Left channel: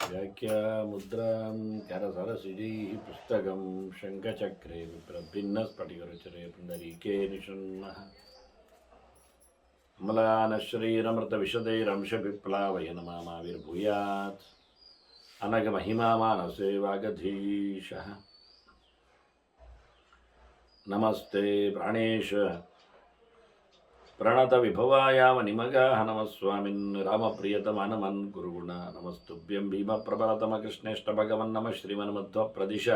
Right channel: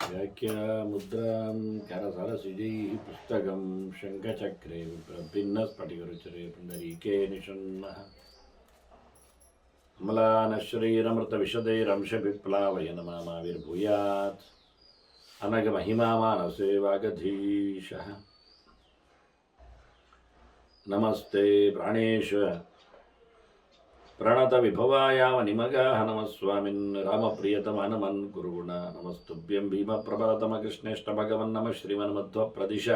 व्याख्यामुद्रां करसरसिजैः पुस्तकं शङ्खचक्रे विप्रभिन्नस्फटिकरुचिरे पुण्डरीके निषण्णः अमलानश्रीरमृतविशदैरंशविप्लावयन् मामाविर्भूयात् अनघमहिमा मानसे वागधीशः। नमस्ते प्राणेश प्रणतविभवायावनिमगाः नमः स्वामिन् रामप्रियतमानमन् गुरुगुण नमस्तुभ्यं भीमप्रबलतमकृष्णेष्टभगवन् नमः श्रीमन्मध्वप्रदिश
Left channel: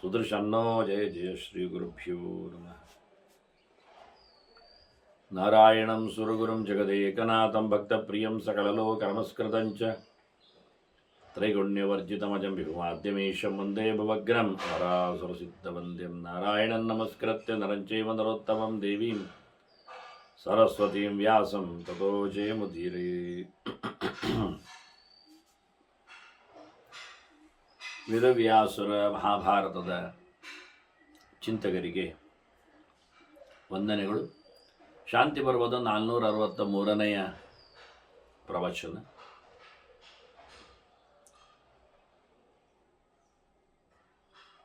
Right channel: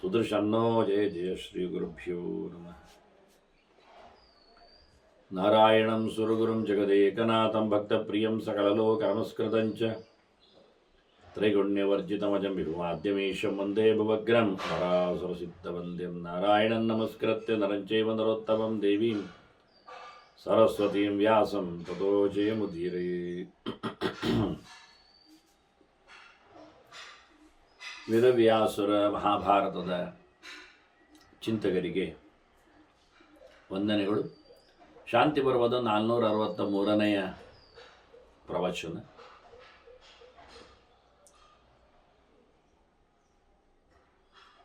सुदृशन्नो जय जय श्रीगुरुभ्यो नमः। नारायणं सुरगुरुं जगदेकनाथं भक्तप्रियं सकललोकनमस्कृतं च त्रैगुण्यवर्जितमजं विभुमाद्यमीशं वन्दे भवग्रं वरासुरसिद्धवन्द्यं नारायणं नमस्कृत्य नरं चैव नरोत्तमं देवीं सरस्वतीं व्यासं ततो जयमुदीरे। ವೇದವ್ಯಾಸುರ ಮಹಾಭಾರತದ ಚಿಂತಕರಿಗೆ ವಂದನೆಗಳು. ಶಾಂತಿ ಪರ್ವದ 463ನೇ ಪ್ರವಚನ.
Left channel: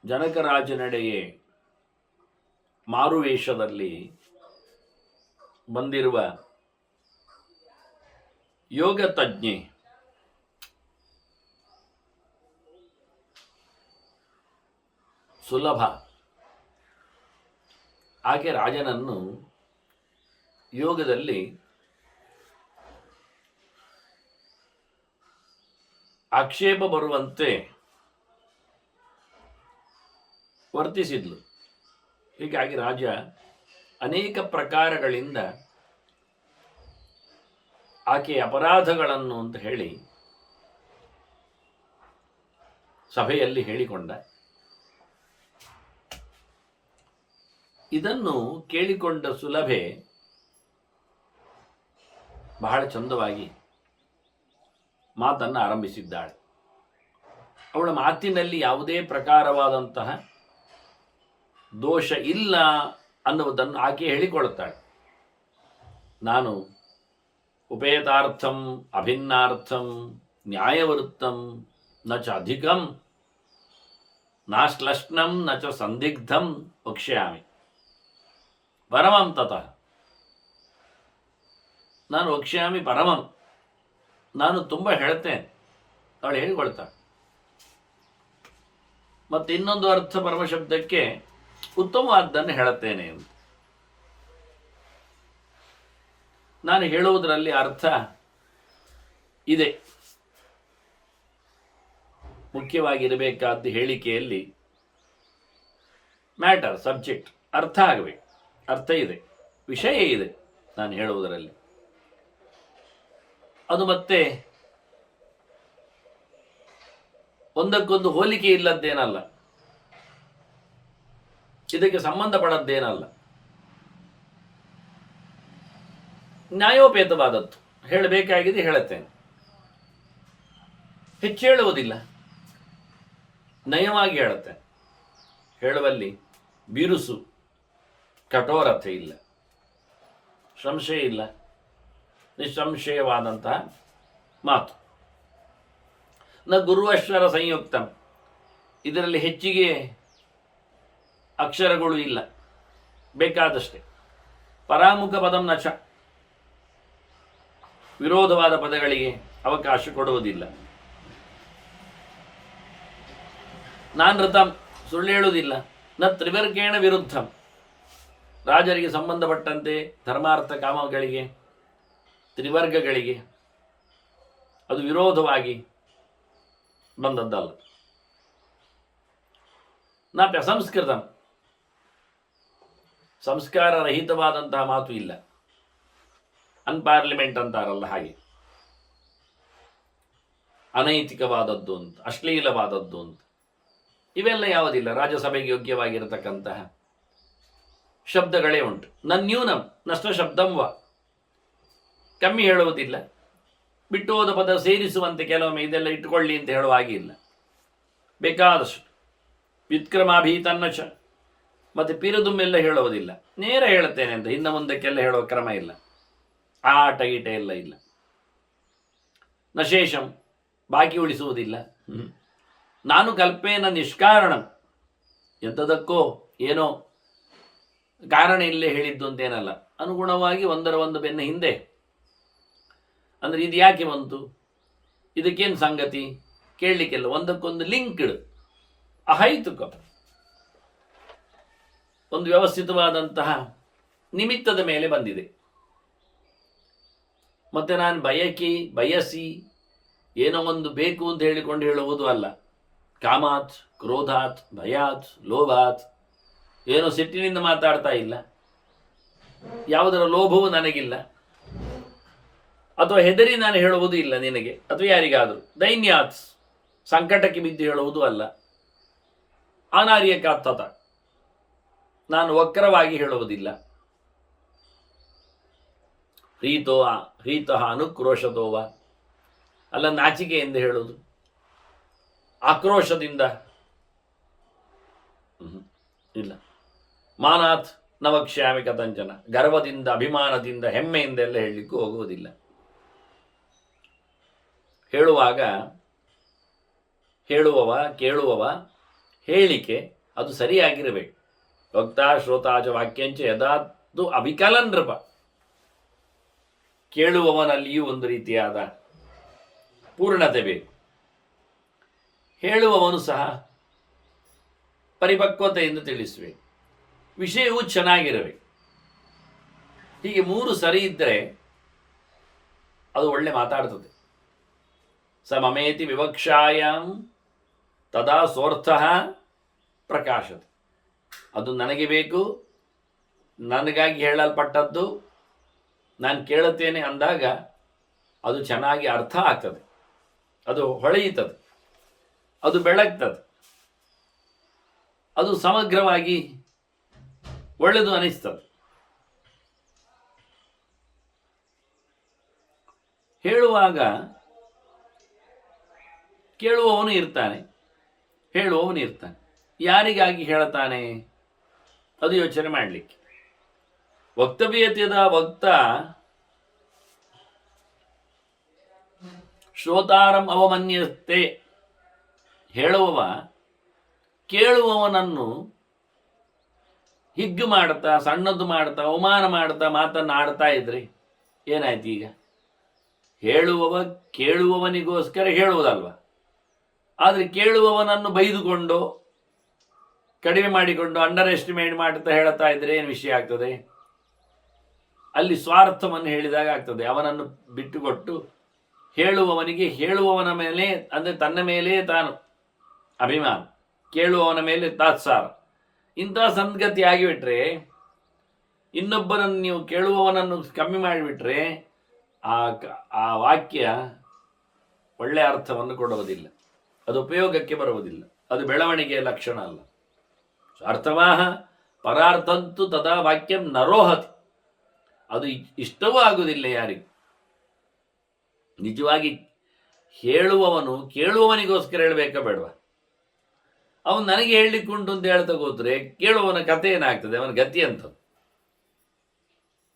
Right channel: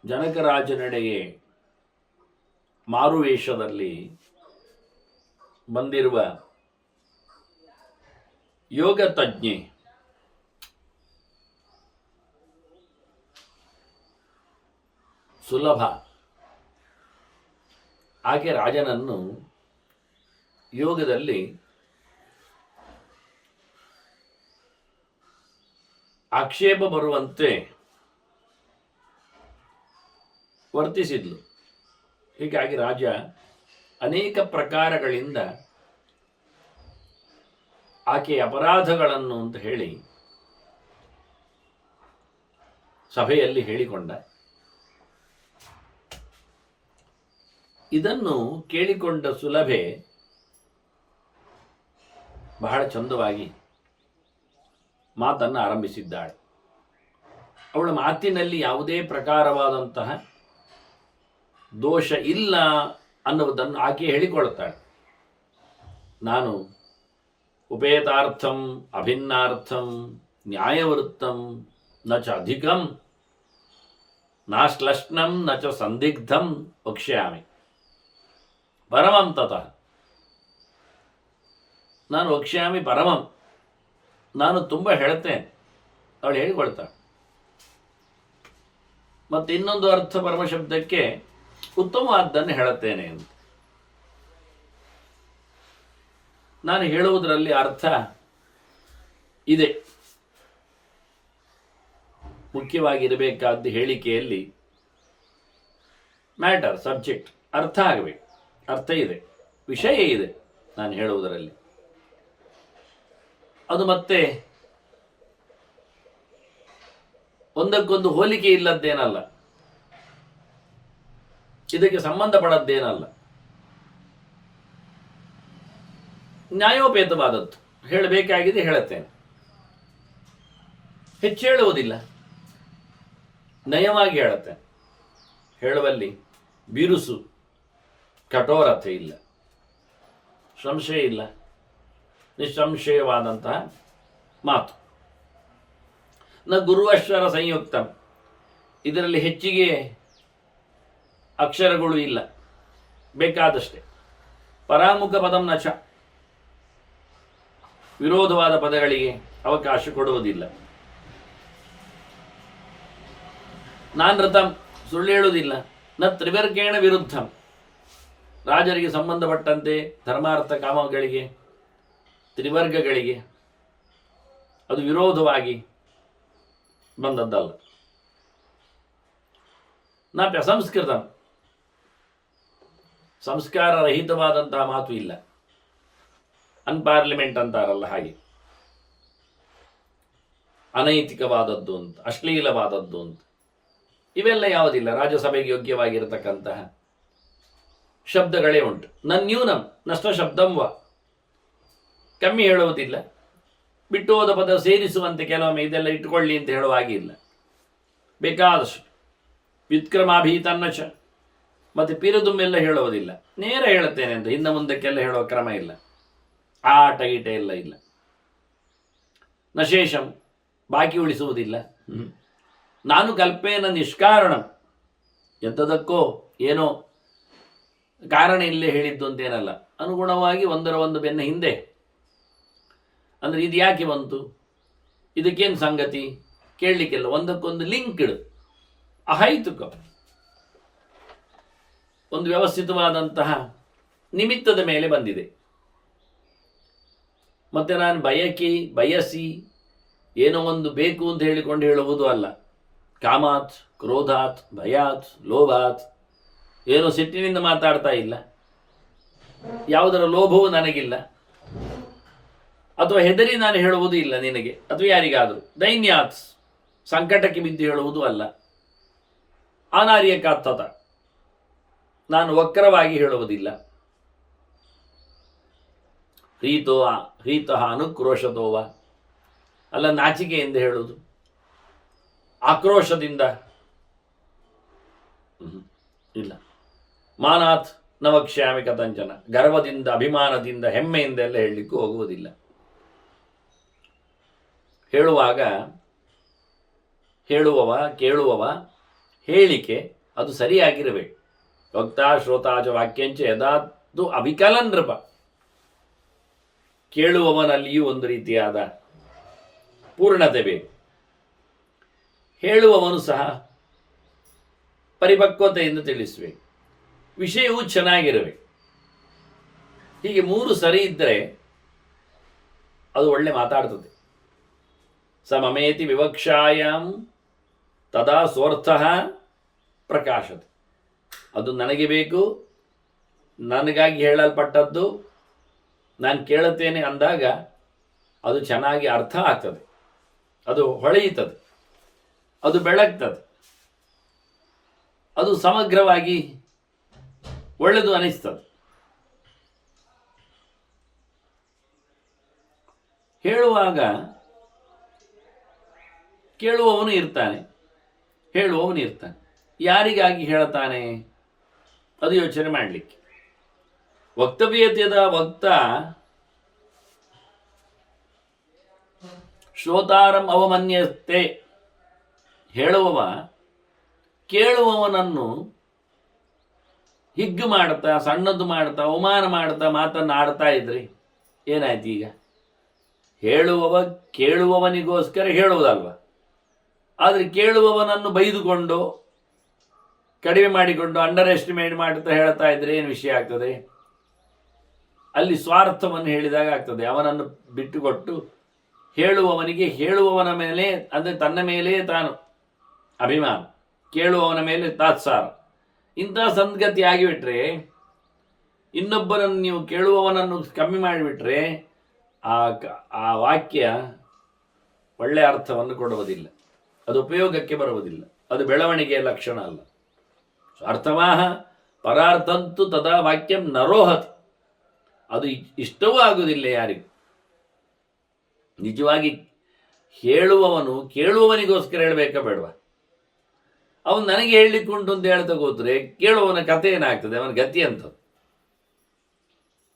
ಜನಕರಾಜನೆಡೆಗೆ ಮಾರುವೇಷದಲ್ಲಿ ಬಂದಿರುವ ಯೋಗ ತಜ್ಞೆ ಸುಲಭ ಆಕೆ ರಾಜನನ್ನು ಯೋಗದಲ್ಲಿ ಆಕ್ಷೇಪ ಬರುವಂತೆ ವರ್ತಿಸಿದ್ಲು. ಹೀಗಾಗಿ ರಾಜ ಅನೇಕ ಪ್ರಕಾರಗಳಿಂದ ಆಕೆಯ ಅಪರಾಧಗಳನ್ನು ಅಂತ ಹೇಳಿ ಸಭೆಯಲ್ಲಿ ಹೇಳಿಕೊಂಡ. ಇದನ್ನು ಕೇಳಿಕೊಂಡ ಸುಲಭೆ ಬಹಳ ಚಂದವಾಗಿ ಮಾತನ್ನು ಆರಂಭಿಸಿದ್ದಾಳೆ. ಅವಳ ಮಾತಿನಲ್ಲಿ ಯಾವುದೇ ಪ್ರಕಾರವಾದಂತಹ ದೋಷ ಇಲ್ಲ ಅನ್ನುವುದನ್ನು ಆಕೆ ಹೇಳಿಕೊಳ್ಳುತ್ತಾಳೆ. ನಾನು ಉಪೇತಾರ್ಥಂ ಅಭಿನ್ನಾರ್ಥಂ ನ್ಯಾಯವೃತ್ತಂ ನ ಚ ಅಧಿಕಂ ನಾಶ್ಲಷ್ಣಂ ನ ಚ ಸಂದಿಗ್ಧಂ ವಕ್ಷ್ಯಾಮಿ ಪರಮಂ ತತಃ. ನಾನು ವಕ್ಷ್ಯಾಮಿ ಪರಮಂ, ನಾನು ತುಂಬ ಹೇಳ್ತೇನೆ, ಅವಳು ಹೇಳಿಕೊಳ್ತಾಳೆ. ಮತ್ತು ಇನ್ನೊಂದು ಅರ್ಥ ಪರಮಶಬ್ದಕ್ಕೆ ಉತ್ತಮವಾದ್ದನ್ನು ಹೇಳುತ್ತೇನೆ ಅಂತ. ನಾನು ಹೇಳುವುದರಲ್ಲಿ ಅರ್ಥ ಇದೆ. ಮುಖ್ಯವಾಗಿರಬೇಕಾದ ಹೇಳಿಕೆಯಲ್ಲಿ ಮ್ಯಾಟರ್, ಸಬ್ಜೆಕ್ಟ್ ಅರ್ಥ ಆಗಬೇಕು. ಅರ್ಥ ಇದೆ, ವಿಷಯ ಇದೆ ನಾನು ಹೇಳುವುದರಲ್ಲಿ. ಅದು ಮತ್ತೆ ಒಂದಕ್ಕೊಂದು ಹೋಲಿಕೆ ಇಲ್ಲದ್ದೇನಲ್ಲ, ಇದಕ್ಕೆ ಸಂಬಂಧಪಡದ್ದೇನಲ್ಲ, ನ್ಯಾಯೋಪೇತವಾದದ್ದು. ಹೇಳಬೇಕಾಗಿದೆ ಹೇಳುತ್ತೇನೆ, ಹೆಚ್ಚು ಹೇಳುವುದಿಲ್ಲ, ನಯವಾಗಿ ಹೇಳುತ್ತೇನೆ. ಹೇಳುವಲ್ಲಿ ಬಿರುಸು ಕಠೋರತೆ ಇಲ್ಲ, ಸಂಶಯ ಇಲ್ಲ, ನಿಸ್ಸಂಶಯವಾದಂತಹ ಮಾತು. ನ ಗುರುವಕ್ಷರ ಸಂಯುಕ್ತ, ಇದರಲ್ಲಿ ಹೆಚ್ಚಿಗೆ ಅಕ್ಷರಗಳು ಇಲ್ಲ, ಬೇಕಾದಷ್ಟೇ. ಪರಾಮುಖ ಪದಂ ನಚ, ವಿರೋಧವಾದ ಪದಗಳಿಗೆ ಅವಕಾಶ ಕೊಡುವುದಿಲ್ಲ. ನಾನೃತಂ, ಸುಳ್ಳು ಹೇಳುವುದಿಲ್ಲ. ನ ತ್ರಿವರ್ಗೇಣ ವಿರುದ್ಧಂ, ರಾಜರಿಗೆ ಸಂಬಂಧಪಟ್ಟಂತೆ ಧರ್ಮಾರ್ಥ ಕಾಮಗಳಿಗೆ, ತ್ರಿವರ್ಗಗಳಿಗೆ ಅದು ವಿರೋಧವಾಗಿ ಬಂದದ್ದಲ್ಲ. ನ ಪ್ರಸಂಸ್ಕೃತಂ, ಸಂಸ್ಕಾರ ರಹಿತವಾದಂತಹ ಮಾತು ಇಲ್ಲ. ಅನ್ಪಾರ್ಲಿಮೆಂಟ್ ಅಂತಾರಲ್ಲ ಹಾಗೆ, ಅನೈತಿಕವಾದದ್ದು ಅಂತ, ಅಶ್ಲೀಲವಾದದ್ದು ಅಂತ ಇವೆಲ್ಲ ಯಾವುದಿಲ್ಲ. ರಾಜ್ಯಸಭೆಗೆ ಯೋಗ್ಯವಾಗಿರತಕ್ಕಂತಹ ಶಬ್ದಗಳೇ ಉಂಟು. ನನ್ಯೂನಂ ನಷ್ಟ ಶಬ್ದಂವ, ಕಮ್ಮಿ ಹೇಳುವುದಿಲ್ಲ. ಬಿಟ್ಟು ಹೋದ ಪದ ಸೇರಿಸುವಂತೆ ಕೆಲವೊಮ್ಮೆ ಇದೆಲ್ಲ ಇಟ್ಟುಕೊಳ್ಳಿ ಅಂತ ಹೇಳುವ ಹಾಗೆ ಇಲ್ಲ, ಬೇಕಾದಷ್ಟು. ವ್ಯುತ್ಕ್ರಮಾಭೀತನ್ನ ಚ, ಮತ್ತು ಪಿರದುಮ್ಮೆಲ್ಲ ಹೇಳುವುದಿಲ್ಲ. ನೇರ ಹೇಳುತ್ತೇನೆ ಅಂತ ಹಿಂದೆ ಮುಂದಕ್ಕೆಲ್ಲ ಹೇಳುವ ಕ್ರಮ ಇಲ್ಲ. ಆ ಆಟ ಗೀಟ ಎಲ್ಲ ಇಲ್ಲ. ನಶೇಷಂ, ಬಾಕಿ ಉಳಿಸುವುದಿಲ್ಲ. ನಾನು ಕಲ್ಪೇನ ನಿಷ್ಕಾರಣಂ, ಎಂಥದಕ್ಕೋ ಏನೋ ಕಾರಣ ಇಲ್ಲೇ ಹೇಳಿದ್ದು ಅಂತೇನಲ್ಲ, ಅನುಗುಣವಾಗಿ ಒಂದರ ಒಂದು ಬೆನ್ನ ಹಿಂದೆ. ಅಂದರೆ ಇದು ಯಾಕೆ ಬಂತು, ಇದಕ್ಕೇನು ಸಂಗತಿ ಕೇಳಲಿಕ್ಕೆಲ್ಲ, ಒಂದಕ್ಕೊಂದು ಲಿಂಕ್ ಇಡು, ಅಹೈತುಕ ಒಂದು ವ್ಯವಸ್ಥಿತವಾದಂತಹ ನಿಮಿತ್ತದ ಮೇಲೆ ಬಂದಿದೆ. ಮತ್ತೆ ನಾನು ಬಯಸಿ ಏನೋ ಒಂದು ಬೇಕು ಅಂತ ಹೇಳಿಕೊಂಡು ಹೇಳುವುದು ಅಲ್ಲ. ಕಾಮಾತ್, ಕ್ರೋಧಾತ್, ಭಯಾತ್, ಲೋಭಾತ್, ಏನೋ ಸಿಟ್ಟಿನಿಂದ ಮಾತಾಡ್ತಾ ಇಲ್ಲ, ಯಾವುದರ ಲೋಭವೂ ನನಗಿಲ್ಲ, ಅಥವಾ ಹೆದರಿ ನಾನು ಹೇಳುವುದೂ ಇಲ್ಲ ನಿನಗೆ ಅಥವಾ ಯಾರಿಗಾದರೂ. ದೈನ್ಯಾತ್, ಸಂಕಟಕ್ಕೆ ಬಿದ್ದು ಹೇಳುವುದೂ ಅಲ್ಲ. ಅನಾರ್ಯಕಾತ್ತತ, ನಾನು ವಕ್ರವಾಗಿ ಹೇಳುವುದಿಲ್ಲ. ಹ್ರೀತಃ ಅನುಕ್ರೋಶತೋವ, ಅಲ್ಲ ನಾಚಿಕೆಯಿಂದ ಹೇಳುವುದು, ಆಕ್ರೋಶದಿಂದ ಇಲ್ಲ. ಮಾನಾತ್ ನವಕ್ಷ್ಯಾಮಿ ಕಥಂಚನ, ಗರ್ವದಿಂದ, ಅಭಿಮಾನದಿಂದ, ಹೆಮ್ಮೆಯಿಂದ ಎಲ್ಲ ಹೇಳಲಿಕ್ಕೂ ಹೋಗುವುದಿಲ್ಲ. ಹೇಳುವಾಗ ಕೇಳುವವ ಹೇಳಿಕೆ ಅದು ಸರಿಯಾಗಿರಬೇಕು. ವಕ್ತಾ ಶ್ರೋತಾಚ ವಾಕ್ಯಂಚ ಯದಾದು ಅವಿಕಲನ್ ನೃಪ, ಕೇಳುವವನಲ್ಲಿಯೂ ಒಂದು ರೀತಿಯಾದ ಪೂರ್ಣತೆ ಬೇಕು, ಹೇಳುವವನು ಸಹ ಪರಿಪಕ್ವತೆಯಿಂದ ತಿಳಿಸಬೇಕು, ವಿಷಯವೂ ಚೆನ್ನಾಗಿರಬೇಕು. ಹೀಗೆ ಮೂರು ಸರಿ ಇದ್ದರೆ ಅದು ಒಳ್ಳೆ ಮಾತಾಡ್ತದೆ. ಸಮಮೇತಿ ವಿವಕ್ಷಾಯಾಮ್ ತದಾ ಸ್ವರ್ಥಃ ಪ್ರಕಾಶತೆ, ಅದು ನನಗೆ ಬೇಕು, ನನಗಾಗಿ ಹೇಳಲ್ಪಟ್ಟದ್ದು, ನಾನು ಕೇಳುತ್ತೇನೆ ಅಂದಾಗ ಅದು ಚೆನ್ನಾಗಿ ಅರ್ಥ ಆಗ್ತದೆ, ಅದು ಹೊಳೆಯುತ್ತದೆ, ಅದು ಬೆಳಗ್ತದೆ, ಅದು ಸಮಗ್ರವಾಗಿ ಒಳ್ಳೆಯದು ಅನಿಸ್ತದೆ. ಹೇಳುವಾಗ ಕೇಳುವವನು ಇರ್ತಾನೆ, ಹೇಳುವವನು ಇರ್ತಾನೆ. ಯಾರಿಗಾಗಿ ಹೇಳ್ತಾನೆ ಅದು ಯೋಚನೆ ಮಾಡಲಿಕ್ಕೆ. ವಕ್ತವ್ಯತ್ಯದ ವಕ್ತ ಶ್ರೋತಾರಂ ಅವಮನ್ಯತೆ, ಹೇಳುವವ ಕೇಳುವವನನ್ನು ಹಿಗ್ಗು ಮಾಡ್ತಾ, ಸಣ್ಣದು ಮಾಡ್ತಾ, ಅವಮಾನ ಮಾಡ್ತಾ ಮಾತನ್ನಾಡ್ತಾ ಇದ್ರಿ ಏನಾಯ್ತು? ಈಗ ಹೇಳುವವ ಕೇಳುವವನಿಗೋಸ್ಕರ ಹೇಳುವುದಲ್ವ, ಆದರೆ ಕೇಳುವವನನ್ನು ಬೈದುಕೊಂಡು, ಕಡಿಮೆ ಮಾಡಿಕೊಂಡು, ಅಂಡರ್ ಎಸ್ಟಿಮೇಟ್ ಮಾಡ್ತಾ ಹೇಳ್ತಾ ಇದ್ರೆ ಏನು ವಿಷಯ ಆಗ್ತದೆ? ಅಲ್ಲಿ ಸ್ವಾರ್ಥವನ್ನು ಹೇಳಿದಾಗ ಆಗ್ತದೆ. ಅವನನ್ನು ಬಿಟ್ಟುಕೊಟ್ಟು ಹೇಳುವವನಿಗೆ, ಹೇಳುವವನ ಮೇಲೆ ಅಂದರೆ ತನ್ನ ಮೇಲೆ ತಾನು ಅಭಿಮಾನ, ಕೇಳುವವನ ಮೇಲೆ ತಾತ್ಸಾರ, ಇಂಥ ಸಂಗತಿ ಆಗಿಬಿಟ್ರೆ, ಇನ್ನೊಬ್ಬರನ್ನು ನೀವು ಕೇಳುವವನನ್ನು ಕಮ್ಮಿ ಮಾಡಿಬಿಟ್ರೆ ಆ ವಾಕ್ಯ ಒಳ್ಳೆಯ ಅರ್ಥವನ್ನು ಕೊಡುವುದಿಲ್ಲ, ಅದು ಉಪಯೋಗಕ್ಕೆ ಬರುವುದಿಲ್ಲ, ಅದು ಬೆಳವಣಿಗೆಯ ಲಕ್ಷಣ ಅಲ್ಲ. ಅರ್ಥವಾಹ ಪರಾರ್ಥಂತು ತದಾ ವಾಕ್ಯಂ ನರೋಹತಿ, ಅದು ಇಷ್ಟವೂ ಆಗುವುದಿಲ್ಲ ಯಾರಿಗೂ. ನಿಜವಾಗಿ ಹೇಳುವವನು ಕೇಳುವವನಿಗೋಸ್ಕರ ಹೇಳಬೇಕಾ ಬೇಡವಾ? ಅವನು ನನಗೆ ಹೇಳಲಿಕ್ಕುಂಟು ಅಂತ ಹೇಳ್ತಾ ಕೂತ್ರೆ ಕೇಳುವವನ ಕಥೆ ಏನಾಗ್ತದೆ, ಅವನ ಗತಿ ಅಂತ.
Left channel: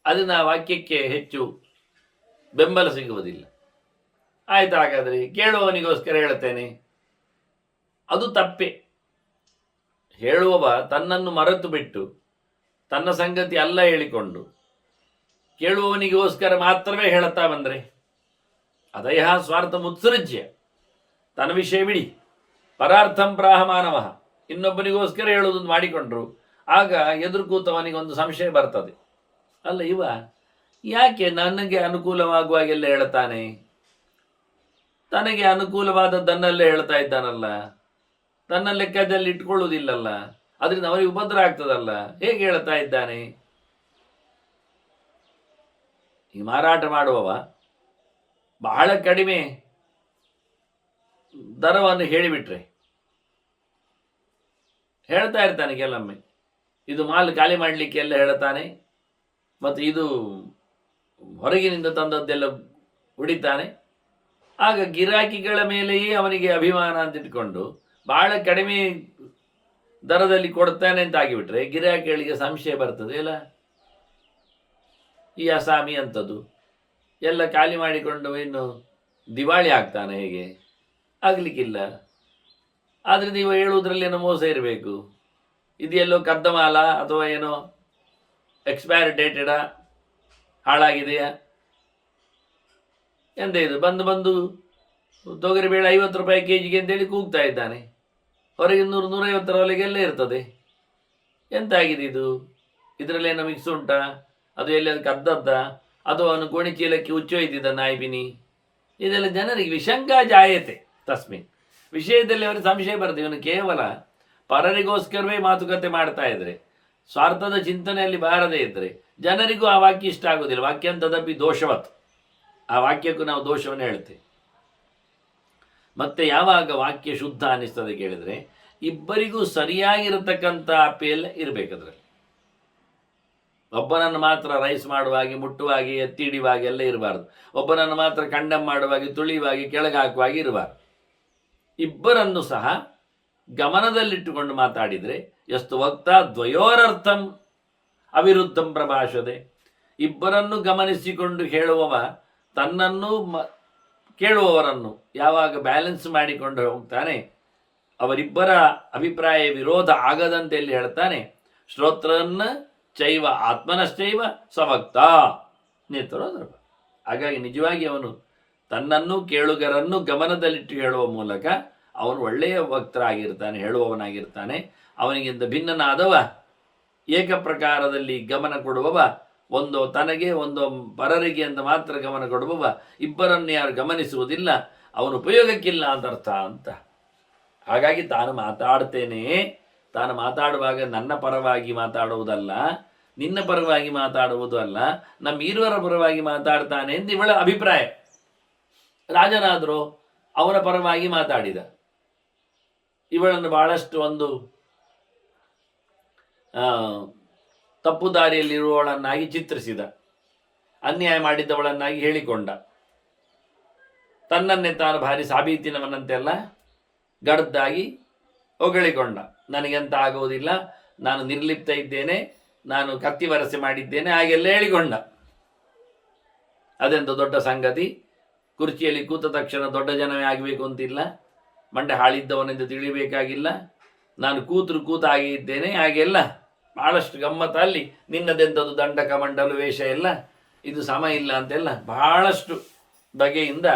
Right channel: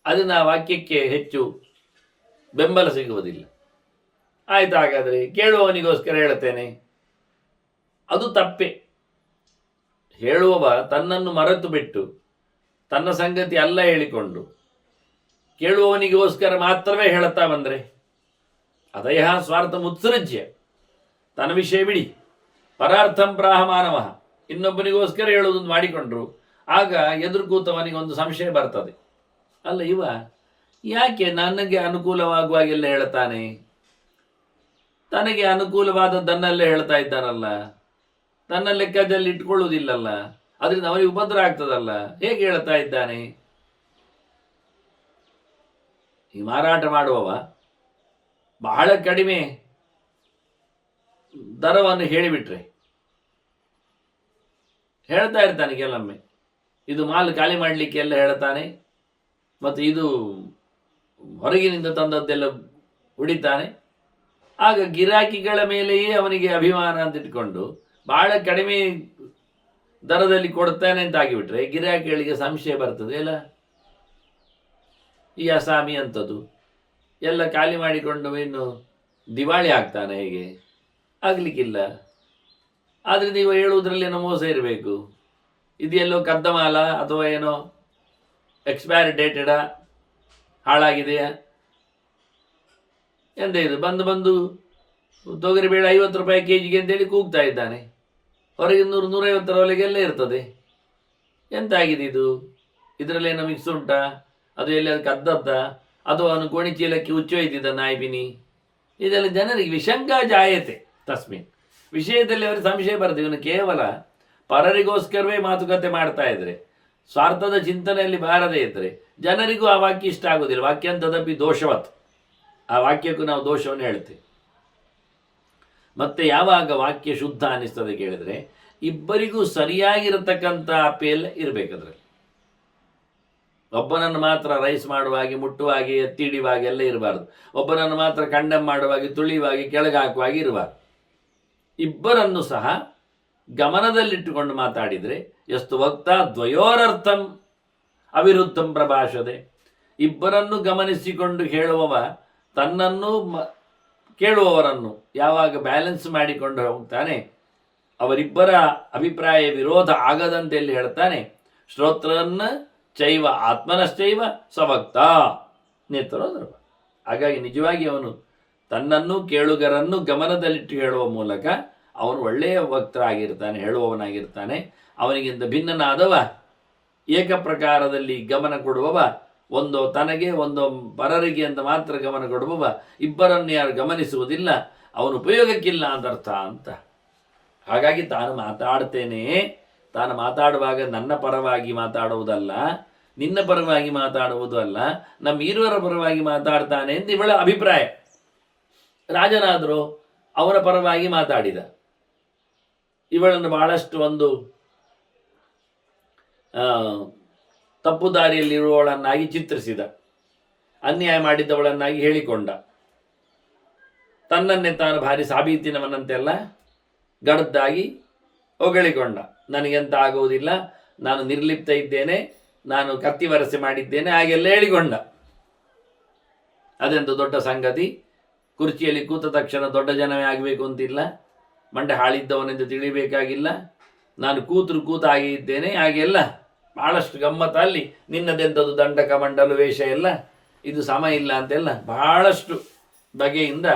ಅದನ್ನು ಆ ವಾಕ್ಯಕ್ಕೆ ಹೆಚ್ಚು ಬೆಂಬಲ ಸಿಗುವುದಿಲ್ಲ. ಆಯ್ತು, ಹಾಗಾದರೆ ಕೇಳುವವನಿಗೋಸ್ಕರ ಹೇಳ್ತೇನೆ, ಅದು ತಪ್ಪೆ. ಹೇಳುವವ ತನ್ನನ್ನು ಮರೆತು ಬಿಟ್ಟು ತನ್ನ ಸಂಗತಿ ಅಲ್ಲ ಹೇಳಿಕೊಂಡು ಕೇಳುವವನಿಗೋಸ್ಕರ ಮಾತ್ರವೇ ಹೇಳುತ್ತಾ ಬಂದರೆ, ಅದಯ ಸ್ವಾರ್ಥ ಮುತ್ಸೃಜ್ಯ, ತನ್ನ ವಿಷಯ ಬಿಡಿ, ಪರಾರ್ಥಂ ಪ್ರಾಹ ಮಾನವ, ಇನ್ನೊಬ್ಬನಿಗೋಸ್ಕರ ಹೇಳುವುದನ್ನು ಮಾಡಿಕೊಂಡ್ರು, ಆಗ ಎದುರು ಕೂತವನಿಗೆ ಒಂದು ಸಂಶಯ ಬರ್ತದೆ, ಅಲ್ಲ ಇವ ಯಾಕೆ ನನಗೆ ಅನುಕೂಲವಾಗುವಾಗೆಲ್ಲ ಹೇಳ್ತಾನೆ, ತನಗೆ ಅನುಕೂಲವಾದದ್ದನ್ನೆಲ್ಲ ಹೇಳ್ತಾ ಇದ್ದಾನಲ್ಲ, ತನ್ನ ಲೆಕ್ಕದಲ್ಲಿ ಇಟ್ಕೊಳ್ಳುವುದಿಲ್ಲಲ್ಲ, ಅದರಿಂದ ಅವನಿಗೆ ಉಪದ್ರ ಆಗ್ತದಲ್ಲ, ಹೇಗೆ ಹೇಳ್ತಾ ಇದ್ದಾನೆ? ಈ ಮಾರಾಟ ಮಾಡುವವ ಬಹಳ ಕಡಿಮೆ ದರವನ್ನು ಹೇಳಿಬಿಟ್ರೆ ಹೇಳ್ತಾ ಇರ್ತಾನೆ. ಕೆಲವೊಮ್ಮೆ ಇದು ಮಾಲ್ ಖಾಲಿ ಮಾಡಲಿಕ್ಕೆ ಎಲ್ಲ ಹೇಳ್ತಾನೆ, ಮತ್ತು ಇದು ಹೊರಗಿನಿಂದ ತಂದದ್ದೆಲ್ಲ ಉಡಿತಾನೆ. ಆಗ ಗಿರಾಕಿಗಳ ಮೇಲೆಯೇ ಅವನಿಗೆ ಅಭಿಮಾನ ಅಂತ ಇಟ್ಕೊಂಡು ಬಹಳ ಕಡಿಮೆ ದರದಲ್ಲಿ ಕೊಡ್ತಾನೆ ಅಂತ ಆಗಿಬಿಟ್ರೆ ಗಿರಾಕಿಗಳಿಗೆ ಸಂಶಯ ಬರ್ತದೆ. ಅಲ್ಲ, ಈ ಅಸಾಮಿ ಅಂಥದ್ದು ಎಲ್ಲ ಖಾಲಿ ಮಾಡಿಕೊಂಡು ಇನ್ನು ದಿವಾಳಿ ಆಗ್ತಾನೆ, ಹೇಗೆ ಆಗಲಿಕ್ಕಿಲ್ಲ. ಆದರೆ ನೀವು ಹೇಳುವುದರಲ್ಲಿ ಏನೋ ಮೋಸ ಇರಬೇಕು. ಇದೆಲ್ಲೋ ಕದ್ದ ಮಾಲ ಅಥವಾ ಏನೋ ಎಕ್ಸ್ಪೈರ್ ಡೇಟೆಡಾ, ಹಾಳಾಗಿದೆಯಾ ಎಂತ ಇದು? ಬಂದು ತೊಗರಿಬೇಳೆ 50 ರೂಪಾಯಿ ಕೆಜಿಗೆ ಅಂತೇಳಿ ಕೂಗ್ತಾ ಇದ್ದಾನೆ. ಹೊರಗೆ 100-150 ಇರ್ತದೆ. ಎಂತಾಗಿದೆ ಇದು? ಇದರಲ್ಲೇನೋ ಮಿಕ್ಸ್ ಉಂಟಾ? ಅದು ಎಲ್ಲಿ ಅದು ಕದ್ದದ್ದ? ಅದು ಅವನು ಗೋಣಿ ಚೀಲಕ್ಕೆ ಹುಚ್ಚೊಯ್ದಿದ್ದ ನಾಯಿಬಿನಿ? ಇದೆಲ್ಲ ಜನರಿಗೆ ವಿಶಂಕ ಜಾಯತೆ ತಸ್ಮಿನ್ ವಿಷಯದಲ್ಲಿ ಅವರಿಗೆ ಸಂಶಯ ಬರ್ತದೆ. ಇವನು ಕೇವಲ ಪರರಿಗೋಸ್ಕರವೇ ಮಾತುಕತೆ ಮಾಡ್ತಾ ಇದ್ರೆ, ಸ್ವಾರ್ಥದ ಚಿಂತನೆಯಲ್ಲಿ ಬಾರದೇ ಇದ್ದರೆ ಜನರಿಗೂ ಆ ವಾಕ್ಯ ಇಷ್ಟ ಆಗೋದಿಲ್ಲ. ವಾಕ್ಯ ಅಂತದಪ್ಪಿ ದೋಷವತ್ತು. ಆ ವಾಕ್ಯಕ್ಕೂ ನಾವು ದೋಷವನ್ನು ಹೇಳ್ತೇವೆ. ಮತ್ತೆ ಯಾವಾಗ ವಾಕ್ಯ ಶುದ್ಧ ಅನ್ನಿಸ್ತದೆ ಕೇಳಿದರೆ, ಇಬ್ಬರಿಗೂ ಸರಿಯಾಗಿರತಕ್ಕಂಥ ಅಪೇಲ್ ಇರಬೇಕದ್ರಲ್ಲಿ. ಒಬ್ಬನನ್ನು ಮಾತ್ರ ರೈಸ್ ಮಾಡುವಾಗೆ, ಮುಟ್ಟುವಾಗೆ, ಎತ್ತಿಡಿಯುವಾಗೆ ಎಲ್ಲ ಇರಬಾರ್ದು. ಒಬ್ಬನನ್ನು ಮಾತ್ರ ಕಂಡಮ್ ಮಾಡುವಾಗೆ, ತುಳಿಯುವಾಗೆ, ಕೆಳಗೆ ಹಾಕುವಾಗೆ ಇರಬಾರ್ದು. ಇಬ್ಬರನ್ನು ಸಹ ಗಮನದಲ್ಲಿಟ್ಟುಕೊಂಡು ಮಾತಾಡಿದರೆ ಎಷ್ಟು ವಕ್ತ ದ್ವಯೋರರ್ಥಂ ಅವಿರುದ್ಧಂ ಪ್ರಭಾಷದೆ. ಇಬ್ಬರನ್ನು ಗಮನಿಸಿಕೊಂಡು ಹೇಳುವವ ತನ್ನನ್ನು ಕೇಳುವವರನ್ನು ಯಾವಾಗ ಬ್ಯಾಲೆನ್ಸ್ ಮಾಡಿಕೊಂಡು ಹೋಗ್ತಾನೆ, ಅವರಿಬ್ಬರ ಅಭಿಪ್ರಾಯ ವಿರೋಧ ಆಗದಂತೆ ಎಲ್ಲಿ ಹೇಳ್ತಾನೆ, ಶ್ರೋತ್ರನ್ನ ಚೈವ ಆತ್ಮನಶ್ಚೈವ ಸವಕ್ತ ನೇತ್ರೋದರ್ಭ. ಹಾಗಾಗಿ ನಿಜವಾಗಿ ಅವನು ತನ್ನನ್ನು ಕೇಳುಗರನ್ನು ಗಮನದಲ್ಲಿಟ್ಟು ಹೇಳುವ ಮೂಲಕ ಅವನು ಒಳ್ಳೆಯ ವಕ್ತರಾಗಿರ್ತಾನೆ, ಹೇಳುವವನಾಗಿರ್ತಾನೆ. ಅವನಿಗಿಂತ ಭಿನ್ನನಾದವ ಏಕಪ್ರಕಾರದಲ್ಲಿ ಗಮನ ಕೊಡುವವ, ಒಂದು ತನಗೆ ಒಂದು ಪರರಿಗೆ ಅಂತ ಮಾತ್ರ ಗಮನ ಕೊಡುವವ, ಇಬ್ಬರನ್ನು ಯಾರು ಗಮನಿಸುವುದಿಲ್ಲ, ಅವನು ಉಪಯೋಗಕ್ಕಿಲ್ಲ ಅಂತ ಅರ್ಥ ಅಂತ. ಹಾಗಾಗಿ ತಾನು ಮಾತಾಡ್ತೇನೆ, ತಾನು ಮಾತಾಡುವಾಗ ನನ್ನ ಪರವಾಗಿ ಮಾತಾಡುವುದಲ್ಲ, ನಿನ್ನ ಪರವಾಗಿ ಮಾತಾಡುವುದು ಅಲ್ಲ, ನಮ್ಮ ಇರುವರ ಪರವಾಗಿ ಮಾತಾಡ್ತಾನೆ ಎಂದು ಇವಳ ಅಭಿಪ್ರಾಯ. ರಾಜನಾದರೂ ಅವನ ಪರವಾಗಿ ಮಾತಾಡಿದ. ಇವಳನ್ನು ಬಹಳಷ್ಟು ಒಂದು ತಪ್ಪು ದಾರಿಯಲ್ಲಿರುವವಳನ್ನಾಗಿ ಚಿತ್ರಿಸಿದ, ಅನ್ಯಾಯ ಮಾಡಿದ್ದವಳನ್ನಾಗಿ ಹೇಳಿಕೊಂಡ, ತನ್ನನ್ನೇ ತಾನು ಭಾರಿ ಸಾಬೀತಿನವನಂತೆಲ್ಲ ಗಡದ್ದಾಗಿ ಹೊಗಳಿಕೊಂಡ. ನನಗೆಂತ ಆಗುವುದಿಲ್ಲ, ನಾನು ನಿರ್ಲಿಪ್ತ ಇದ್ದೇನೆ, ನಾನು ಕತ್ತಿ ವರಸೆ ಮಾಡಿದ್ದೇನೆ, ಹಾಗೆಲ್ಲ ಹೇಳಿಕೊಂಡ. ಅದೆಂತ ದೊಡ್ಡ ಸಂಗತಿ? ಕುರ್ಚಿಯಲ್ಲಿ ಕೂತ ತಕ್ಷಣ ದೊಡ್ಡ ಜನವೇ ಆಗಬೇಕು ಅಂತಿಲ್ಲ, ಮಂಡೆ ಹಾಳಿದ್ದವನೆಂದು ತಿಳಿಬೇಕಾಗಿಲ್ಲ. ನಾನು ಕೂತ ಹಾಗೆ ಇದ್ದೇನೆ, ಹಾಗೆಲ್ಲ ಬಹಳಷ್ಟು ಗಮ್ಮತ್ತ. ಅಲ್ಲಿ ನಿನ್ನದೆಂಥದ್ದು ದಂಡಕ ಮಂಡಲು ವೇಷ ಎಲ್ಲ, ಇದು ಸಮ ಇಲ್ಲ ಅಂತೆಲ್ಲ ಬಹಳಷ್ಟು ಬಗೆಯಿಂದ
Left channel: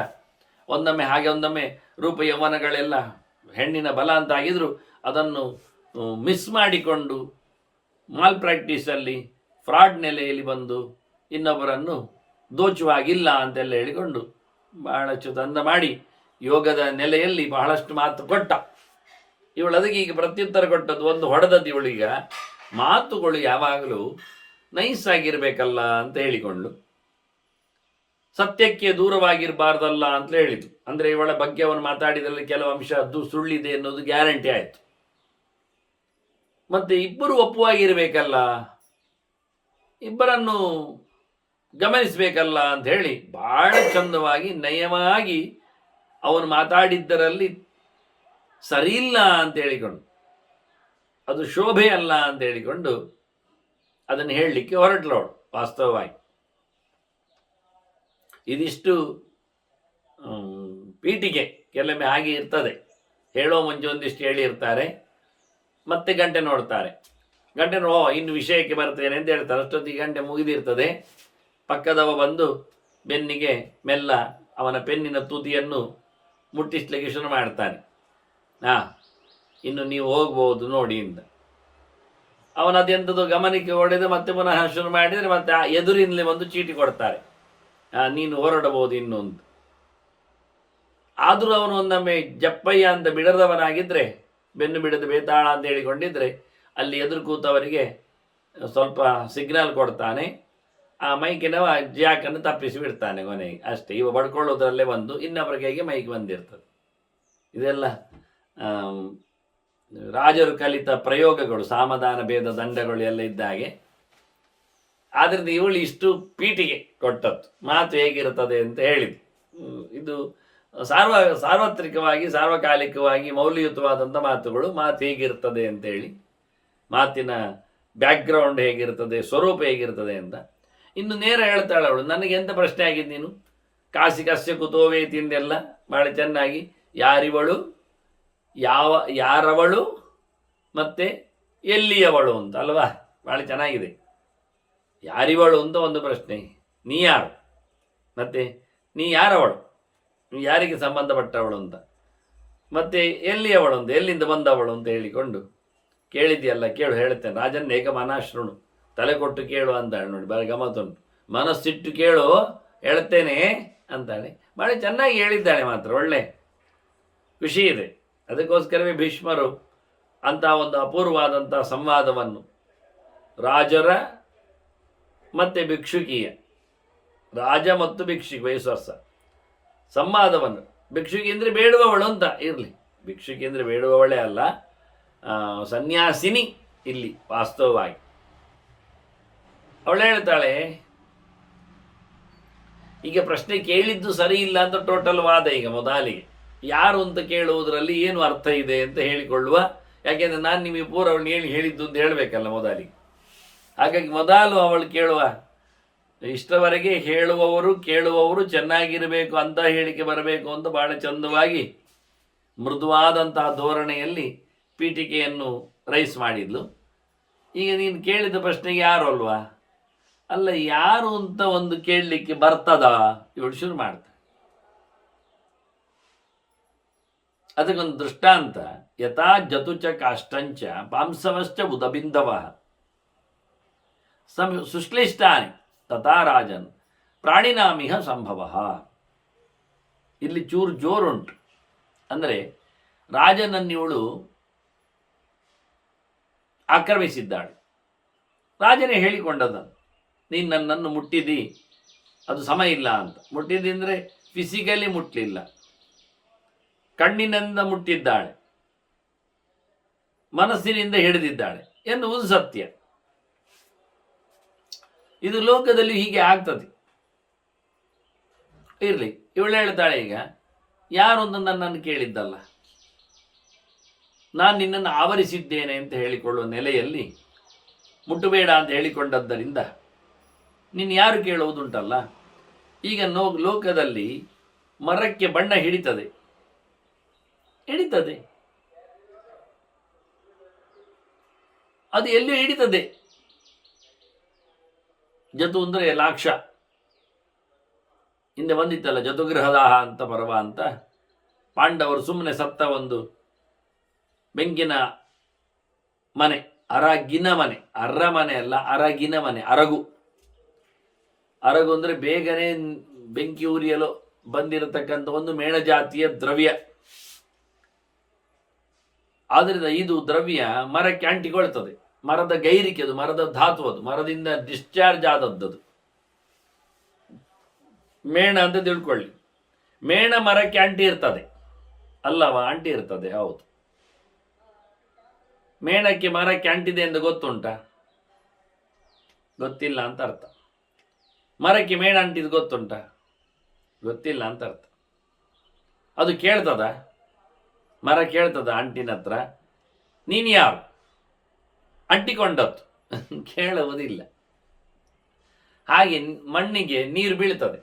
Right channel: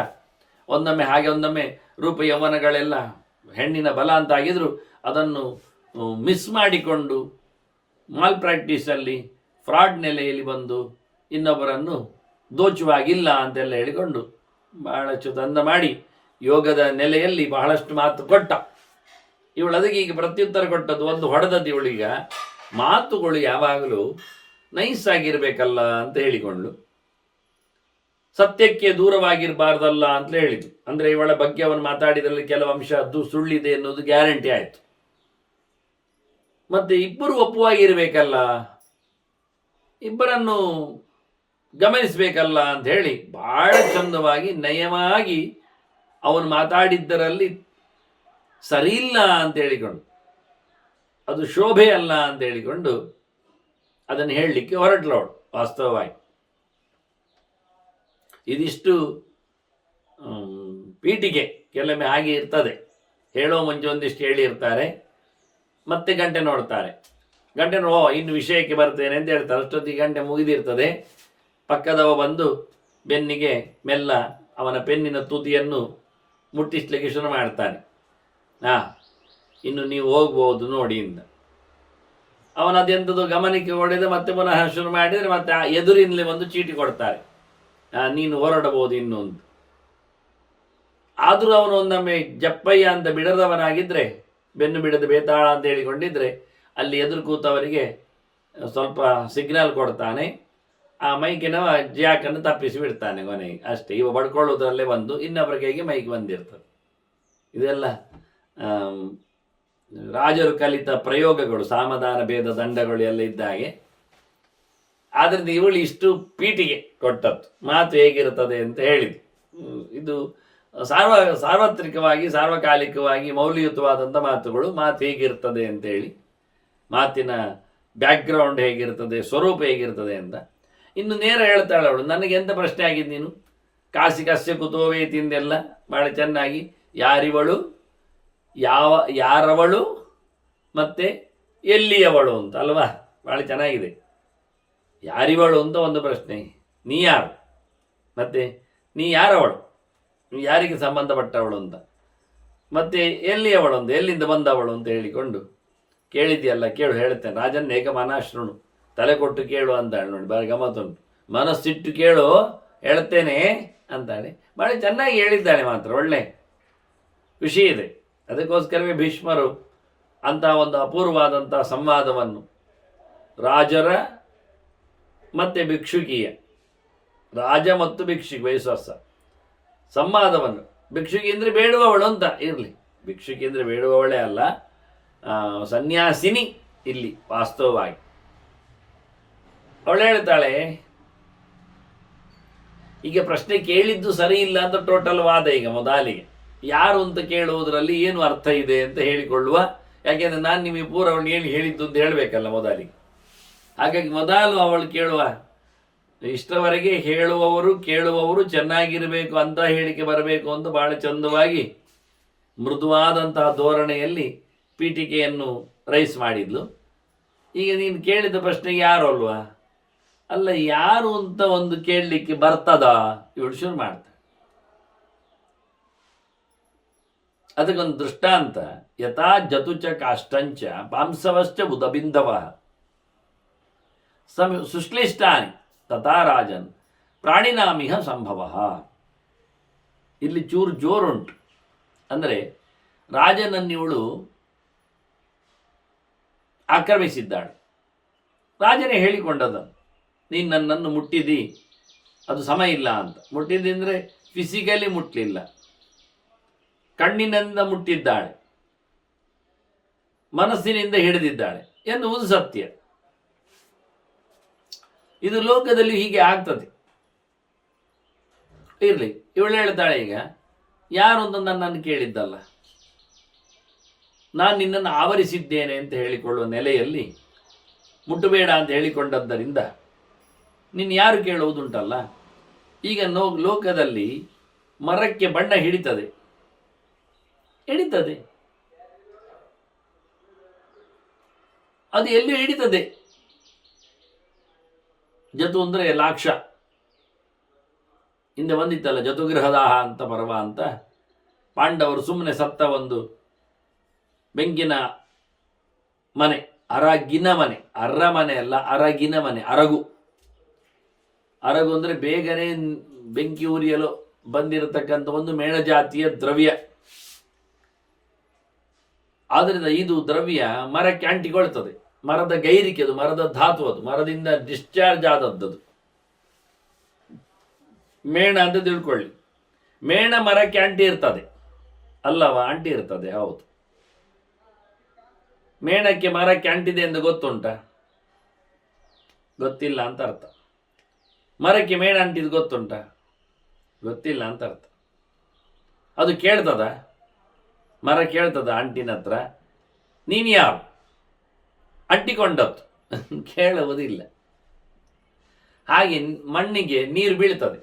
ಒಂದೊಮ್ಮೆ ಹಾಗೆ, ಒಂದೊಮ್ಮೆ ರೂಪ ಯೌವನಗಳೆಲ್ಲ ಹೆಣ್ಣಿನ ಬಲ ಅಂತಾಗಿದ್ರು ಅದನ್ನು ಮಿಸ್ ಮಾಡಿಕೊಂಡು ಮಾಲ್ ಪ್ರಾಕ್ಟೀಸಲ್ಲಿ ಫ್ರಾಡ್ ನೆಲೆಯಲ್ಲಿ ಬಂದು ಇನ್ನೊಬ್ಬರನ್ನು ದೋಚುವಾಗಿಲ್ಲ ಅಂತೆಲ್ಲ ಹೇಳಿಕೊಂಡು ಬಹಳಷ್ಟು ತಂದ ಮಾಡಿ ಯೋಗದ ನೆಲೆಯಲ್ಲಿ ಬಹಳಷ್ಟು ಮಾತು ಕೊಟ್ಟ. ಇವಳು ಅದಕ್ಕೆ ಈಗ ಪ್ರತ್ಯುತ್ತರ ಕೊಟ್ಟದ್ದು, ಒಂದು ಹೊಡೆದದ್ದು ಇವಳೀಗ ಮಾತುಗಳು ಯಾವಾಗಲೂ ನೈಸ್ ಆಗಿರಬೇಕಲ್ಲ ಅಂತ ಹೇಳಿಕೊಂಡು ಸತ್ಯಕ್ಕೆ ದೂರವಾಗಿರಬಾರ್ದಲ್ಲ ಅಂತ ಹೇಳಿದ್ರು. ಅಂದರೆ ಇವಳ ಬಗ್ಗೆ ಅವನು ಮಾತಾಡಿದಲ್ಲಿ ಕೆಲವು ಅಂಶ ಸುಳ್ಳಿದೆ ಅನ್ನೋದು ಗ್ಯಾರಂಟಿ ಆಯಿತು. ಮತ್ತೆ ಇಬ್ಬರು ಒಪ್ಪುವಾಗಿರಬೇಕಲ್ಲ, ಇಬ್ಬರನ್ನು ಗಮನಿಸಬೇಕಲ್ಲ ಅಂತ ಹೇಳಿ ಬಹಳ ಚಂದವಾಗಿ ನಯವಾಗಿ ಅವನು ಮಾತಾಡಿದ್ದರಲ್ಲಿ ಸರಿಯಿಲ್ಲ ಅಂತ ಹೇಳಿಕೊಂಡು, ಅದು ಶೋಭೆ ಅಲ್ಲ ಅಂತ ಹೇಳಿಕೊಂಡು ಅದನ್ನು ಹೇಳಲಿಕ್ಕೆ ಹೊರಟ್ಲವಳು. ವಾಸ್ತವವಾಗಿ ಇದಿಷ್ಟು ಪೀಠಿಗೆ ಕೆಲವೊಮ್ಮೆ ಹಾಗೆ ಇರ್ತದೆ. ಹೇಳೋ ಮುಂಚೆ ಒಂದಿಷ್ಟು ಹೇಳಿರ್ತಾರೆ, ಮತ್ತೆ ಗಂಟೆ ನೋಡ್ತಾರೆ, ಗಂಟೆ ಇನ್ನು ವಿಷಯಕ್ಕೆ ಬರ್ತೇನೆ ಅಂತ ಹೇಳ್ತಾರೆ. ಅಷ್ಟೊತ್ತಿಗೆ ಗಂಟೆ ಮುಗಿದಿರ್ತದೆ. ಪಕ್ಕದವ ಬಂದು ಬೆನ್ನಿಗೆ ಮೆಲ್ಲ ಅವನ ಪೆನ್ನಿನ ತುದಿಯನ್ನು ಮುಟ್ಟಿಸ್ಲಿಕ್ಕೆ ಶುರು ಮಾಡ್ತಾನೆ. ಇನ್ನು ನೀವು ಹೋಗ್ಬೋದು ನೋಡಿ ಇಂದ. ಅವನದೆಂಥದ್ದು ಗಮನಕ್ಕೆ ಹೊಡೆದು ಮತ್ತೆ ಪುನಃ ಶುರು ಮಾಡಿದರೆ ಮತ್ತೆ ಆ ಎದುರಿನಲ್ಲಿ ಒಂದು ಚೀಟಿ ಕೊಡ್ತಾರೆ, ನೀನು ಹೊರಡಬಹುದು ಇನ್ನೊಂದು. ಆದರೂ ಅವನು ಒಂದೊಮ್ಮೆ ಜಪ್ಪಯ್ಯ ಅಂತ ಬಿಡದವನಾಗಿದ್ದರೆ, ಬೆನ್ನು ಬಿಡದ ಬೇತಾಳ ಅಂತ ಹೇಳಿಕೊಂಡಿದ್ರೆ, ಅಲ್ಲಿ ಎದುರು ಕೂತವರಿಗೆ ಸ್ವಲ್ಪ ಸಿಗ್ನಲ್ ಕೊಡ್ತಾನೆ. ಆ ಮೈಕಿನವ ಜಾಕನ್ನು ತಪ್ಪಿಸಿ ಬಿಡ್ತಾನೆ ಕೊನೆಗೆ, ಅಷ್ಟೇ. ಇವ ಬಡ್ಕೊಳ್ಳೋದ್ರಲ್ಲೇ ಬಂದು ಇನ್ನೊಬ್ಬರ ಕೈಗೆ ಮೈಕ್ ಬಂದಿರ್ತದೆ. ಇದೆಲ್ಲ ರಾಜರು ಕಲಿತ ಪ್ರಯೋಗಗಳು, ಸಾಮಧಾನ ಭೇದ ದಂಡಗಳು ಎಲ್ಲ ಇದ್ದಾಗೆ. ಆದ್ದರಿಂದ ಇವಳು ಇಷ್ಟು ಪೀಠಿಗೆ ಕೊಟ್ಟದ್ದು ಮಾತು ಹೇಗಿರುತ್ತದೆ ಅಂತ ಹೇಳಿದ್ವಿ. ಇದು ಸಾರ್ವತ್ರಿಕವಾಗಿ ಸಾರ್ವಕಾಲಿಕವಾಗಿ ಮೌಲ್ಯಯುತವಾದಂಥ ಮಾತುಗಳು. ಮಾತು ಹೇಗಿರ್ತದೆ ಅಂತೇಳಿ, ಮಾತಿನ ಬ್ಯಾಕ್ಗ್ರೌಂಡ್ ಹೇಗಿರ್ತದೆ, ಸ್ವರೂಪ ಹೇಗಿರ್ತದೆ ಅಂತ. ಇನ್ನು ನೇರ ಹೇಳ್ತಾಳೆ ಅವಳು, ನನಗೆ ಎಂತ ಪ್ರಶ್ನೆ ಆಗಿದೆ ನೀನು ಕಾಸಿ ಕಸ್ಯ ಕುತೋವೇತಿ ಎಂದೆಲ್ಲ ಭಾಳ ಚೆನ್ನಾಗಿ, ಯಾರಿವಳು, ಯಾರವಳು ಮತ್ತೆ ಎಲ್ಲಿಯವಳು ಅಂತ ಅಲ್ವಾ, ಭಾಳ ಚೆನ್ನಾಗಿದೆ. ಯಾರಿವಳು ಅಂತ ಒಂದು ಪ್ರಶ್ನೆ, ನೀ ಯಾರು, ಮತ್ತೆ ನೀ ಯಾರವಳು, ನೀ ಯಾರಿಗೆ ಸಂಬಂಧಪಟ್ಟವಳು ಅಂತ, ಮತ್ತೆ ಎಲ್ಲಿಯವಳು ಅಂತ, ಎಲ್ಲಿಂದ ಬಂದವಳು ಅಂತ ಹೇಳಿಕೊಂಡು ಕೇಳಿದ್ಯಲ್ಲ ಕೇಳು ಹೇಳ್ತೇನೆ, ರಾಜನ್ ಏಕಮಾನಾಶ್ರುಣು, ತಲೆ ಕೊಟ್ಟು ಕೇಳು ಅಂತಾಳೆ. ನೋಡಿ ಭಾಳ ಗಮ್ಮತ್ತುಂಟು, ಮನಸ್ಸಿಟ್ಟು ಕೇಳು ಹೇಳ್ತೇನೆ ಅಂತಾಳೆ. ಭಾಳ ಚೆನ್ನಾಗಿ ಹೇಳಿದ್ದಾಳೆ ಮಾತ್ರ, ಒಳ್ಳೆ ಖುಷಿ ಇದೆ. ಅದಕ್ಕೋಸ್ಕರವೇ ಭೀಷ್ಮರು ಅಂಥ ಒಂದು ಅಪೂರ್ವವಾದಂಥ ಸಂವಾದವನ್ನು ರಾಜರ ಮತ್ತು ಭಿಕ್ಷುಕಿಯ, ರಾಜ ಮತ್ತು ಭಿಕ್ಷುಕಿ ವಯಸ್ಸರ್ಸ ಸಂವಾದವನ್ನು, ಭಿಕ್ಷುಕಿ ಅಂದರೆ ಬೇಡುವವಳು ಅಂತ ಇರಲಿ, ಭಿಕ್ಷುಕಿ ಅಂದರೆ ಬೇಡುವವಳೇ ಅಲ್ಲ, ಸನ್ಯಾಸಿನಿ ಇಲ್ಲಿ ವಾಸ್ತವವಾಗಿ. ಅವಳು ಹೇಳ್ತಾಳೆ, ಈಗ ಪ್ರಶ್ನೆ ಕೇಳಿದ್ದು ಸರಿ ಇಲ್ಲ ಅಂತ ಟೋಟಲ್ ವಾದ. ಈಗ ಮೊದಲಿಗೆ ಯಾರು ಅಂತ ಕೇಳುವುದರಲ್ಲಿ ಏನು ಅರ್ಥ ಇದೆ ಅಂತ ಹೇಳಿಕೊಳ್ಳುವ, ಯಾಕೆಂದರೆ ನಾನು ನಿಮಗೆ ಪೂರ್ವವನ್ನು ಏನು ಹೇಳಿದ್ದು ಅಂತ ಹೇಳಬೇಕಲ್ಲ ಮೊದಲಿಗೆ. ಹಾಗಾಗಿ ಮೊದಲು ಅವಳು ಕೇಳುವ, ಇಷ್ಟವರೆಗೆ ಹೇಳುವವರು ಕೇಳುವವರು ಚೆನ್ನಾಗಿರಬೇಕು ಅಂತ ಹೇಳಿಕೆ ಬರಬೇಕು ಅಂತ ಭಾಳ ಚಂದವಾಗಿ ಮೃದುವಾದಂತಹ ಧೋರಣೆಯಲ್ಲಿ ಪೀಠಿಕೆಯನ್ನು ರೈಸ್ ಮಾಡಿದ್ಲು. ಈಗ ನೀನು ಕೇಳಿದ ಪ್ರಶ್ನೆಗೆ ಯಾರು ಅಲ್ವಾ, ಅಲ್ಲ ಯಾರು ಅಂತ ಒಂದು ಕೇಳಲಿಕ್ಕೆ ಬರ್ತದಾ, ಇವಳು ಶುರು ಮಾಡ್ತಾರೆ. ಅದಕ್ಕೊಂದು ದೃಷ್ಟಾಂತ, ಯಥಾ ಜತುಚ ಕಾಷ್ಟಂಚ ಪಾಂಸವಶ್ಚ ಉದಬಿಂದವ ಸುಶ್ಲಿಷ್ಟಾನಿ ತಥಾ ರಾಜನ್ ಪ್ರಾಣಿನಾಮಿಹ ಸಂಭವ. ಇಲ್ಲಿ ಚೂರು ಜೋರುಂಟು. ಅಂದರೆ ರಾಜನನ್ನಿವಳು ಆಕ್ರಮಿಸಿದ್ದಾಳೆ. ರಾಜನೇ ಹೇಳಿಕೊಂಡದನ್ನು, ನೀನು ನನ್ನನ್ನು ಮುಟ್ಟಿದಿ, ಅದು ಸಮ ಇಲ್ಲ ಅಂತ. ಮುಟ್ಟಿದ್ದಿ ಅಂದರೆ ಫಿಸಿಕಲಿ ಮುಟ್ಟಲಿಲ್ಲ, ಕಣ್ಣಿನಿಂದ ಮುಟ್ಟಿದ್ದಾಳೆ, ಮನಸ್ಸಿನಿಂದ ಹಿಡಿದಿದ್ದಾಳೆ ಎನ್ನುವುದು ಸತ್ಯ. ಇದು ಲೋಕದಲ್ಲಿ ಹೀಗೆ ಆಗ್ತದೆ. ಇರಲಿ, ಇವಳು ಹೇಳ್ತಾಳೆ, ಈಗ ಯಾರು ಅಂತ ನನ್ನನ್ನು ಕೇಳಿದ್ದಲ್ಲ, ನಾನು ನಿನ್ನನ್ನು ಆವರಿಸಿದ್ದೇನೆ ಅಂತ ಹೇಳಿಕೊಳ್ಳುವ ನೆಲೆಯಲ್ಲಿ ಮುಟ್ಟಬೇಡ ಅಂತ ಹೇಳಿಕೊಂಡದ್ದರಿಂದ ನೀನು ಯಾರು ಕೇಳುವುದುಂಟಲ್ಲ. ಈಗ ಲೋಕದಲ್ಲಿ ಮರಕ್ಕೆ ಬಣ್ಣ ಹಿಡಿತದೆ, ಅದು ಎಲ್ಲಿಯೂ ಹಿಡಿತದೆ. ಜತು ಅಂದರೆ ಲಾಕ್ಷ, ಹಿಂದೆ ಬಂದಿತ್ತಲ್ಲ ಜತುಗೃಹದಾಹ ಅಂತ ಪರ್ವ ಅಂತ. ಪಾಂಡವರು ಸುಮ್ಮನೆ ಸತ್ತ ಒಂದು ಬೆಂಕಿನ ಮನೆ, ಅರಗಿನ ಮನೆ, ಅರಮನೆ ಅಲ್ಲ ಅರಗಿನ ಮನೆ, ಅರಗು ಅಂದರೆ ಬೇಗನೆ ಬೆಂಕಿ ಉರಿಯಲು ಬಂದಿರತಕ್ಕಂಥ ಒಂದು ಮೇಣಜಾತಿಯ ದ್ರವ್ಯ. ಆದ್ದರಿಂದ ಇದು ದ್ರವ್ಯ ಮರಕ್ಕೆ ಅಂಟಿಕೊಳ್ತದೆ, ಮರದ ಗೈರಿಕೆ, ಅದು ಮರದ ಧಾತು, ಅದು ಮರದಿಂದ ಡಿಸ್ಚಾರ್ಜ್ ಆದದ್ದು. ಮೇಣ ಅಂತ ತಿಳ್ಕೊಳ್ಳಿ, ಮೇಣ ಮರಕ್ಕೆ ಅಂಟಿ ಇರ್ತದೆ ಅಲ್ಲವ, ಅಂಟಿ ಇರ್ತದೆ, ಹೌದು. ಮೇಣಕ್ಕೆ ಮರಕ್ಕೆ ಅಂಟಿದೆ ಎಂದು ಗೊತ್ತುಂಟಾ? ಗೊತ್ತಿಲ್ಲ ಅಂತ ಅರ್ಥ. ಮರಕ್ಕೆ ಮೇಣ ಅಂಟಿದ್ದು ಗೊತ್ತುಂಟಾ? ಗೊತ್ತಿಲ್ಲ ಅಂತ ಅರ್ಥ. ಅದು ಕೇಳ್ತದ, ಮರ ಕೇಳ್ತದ ಅಂಟಿನ ಹತ್ರ, ನೀನು ಯಾರು ಅಂಟಿಕೊಂಡದ್ದು ಕೇಳುವುದಿಲ್ಲ. ಹಾಗೆ ಮಣ್ಣಿಗೆ ನೀರು ಬೀಳ್ತದೆ,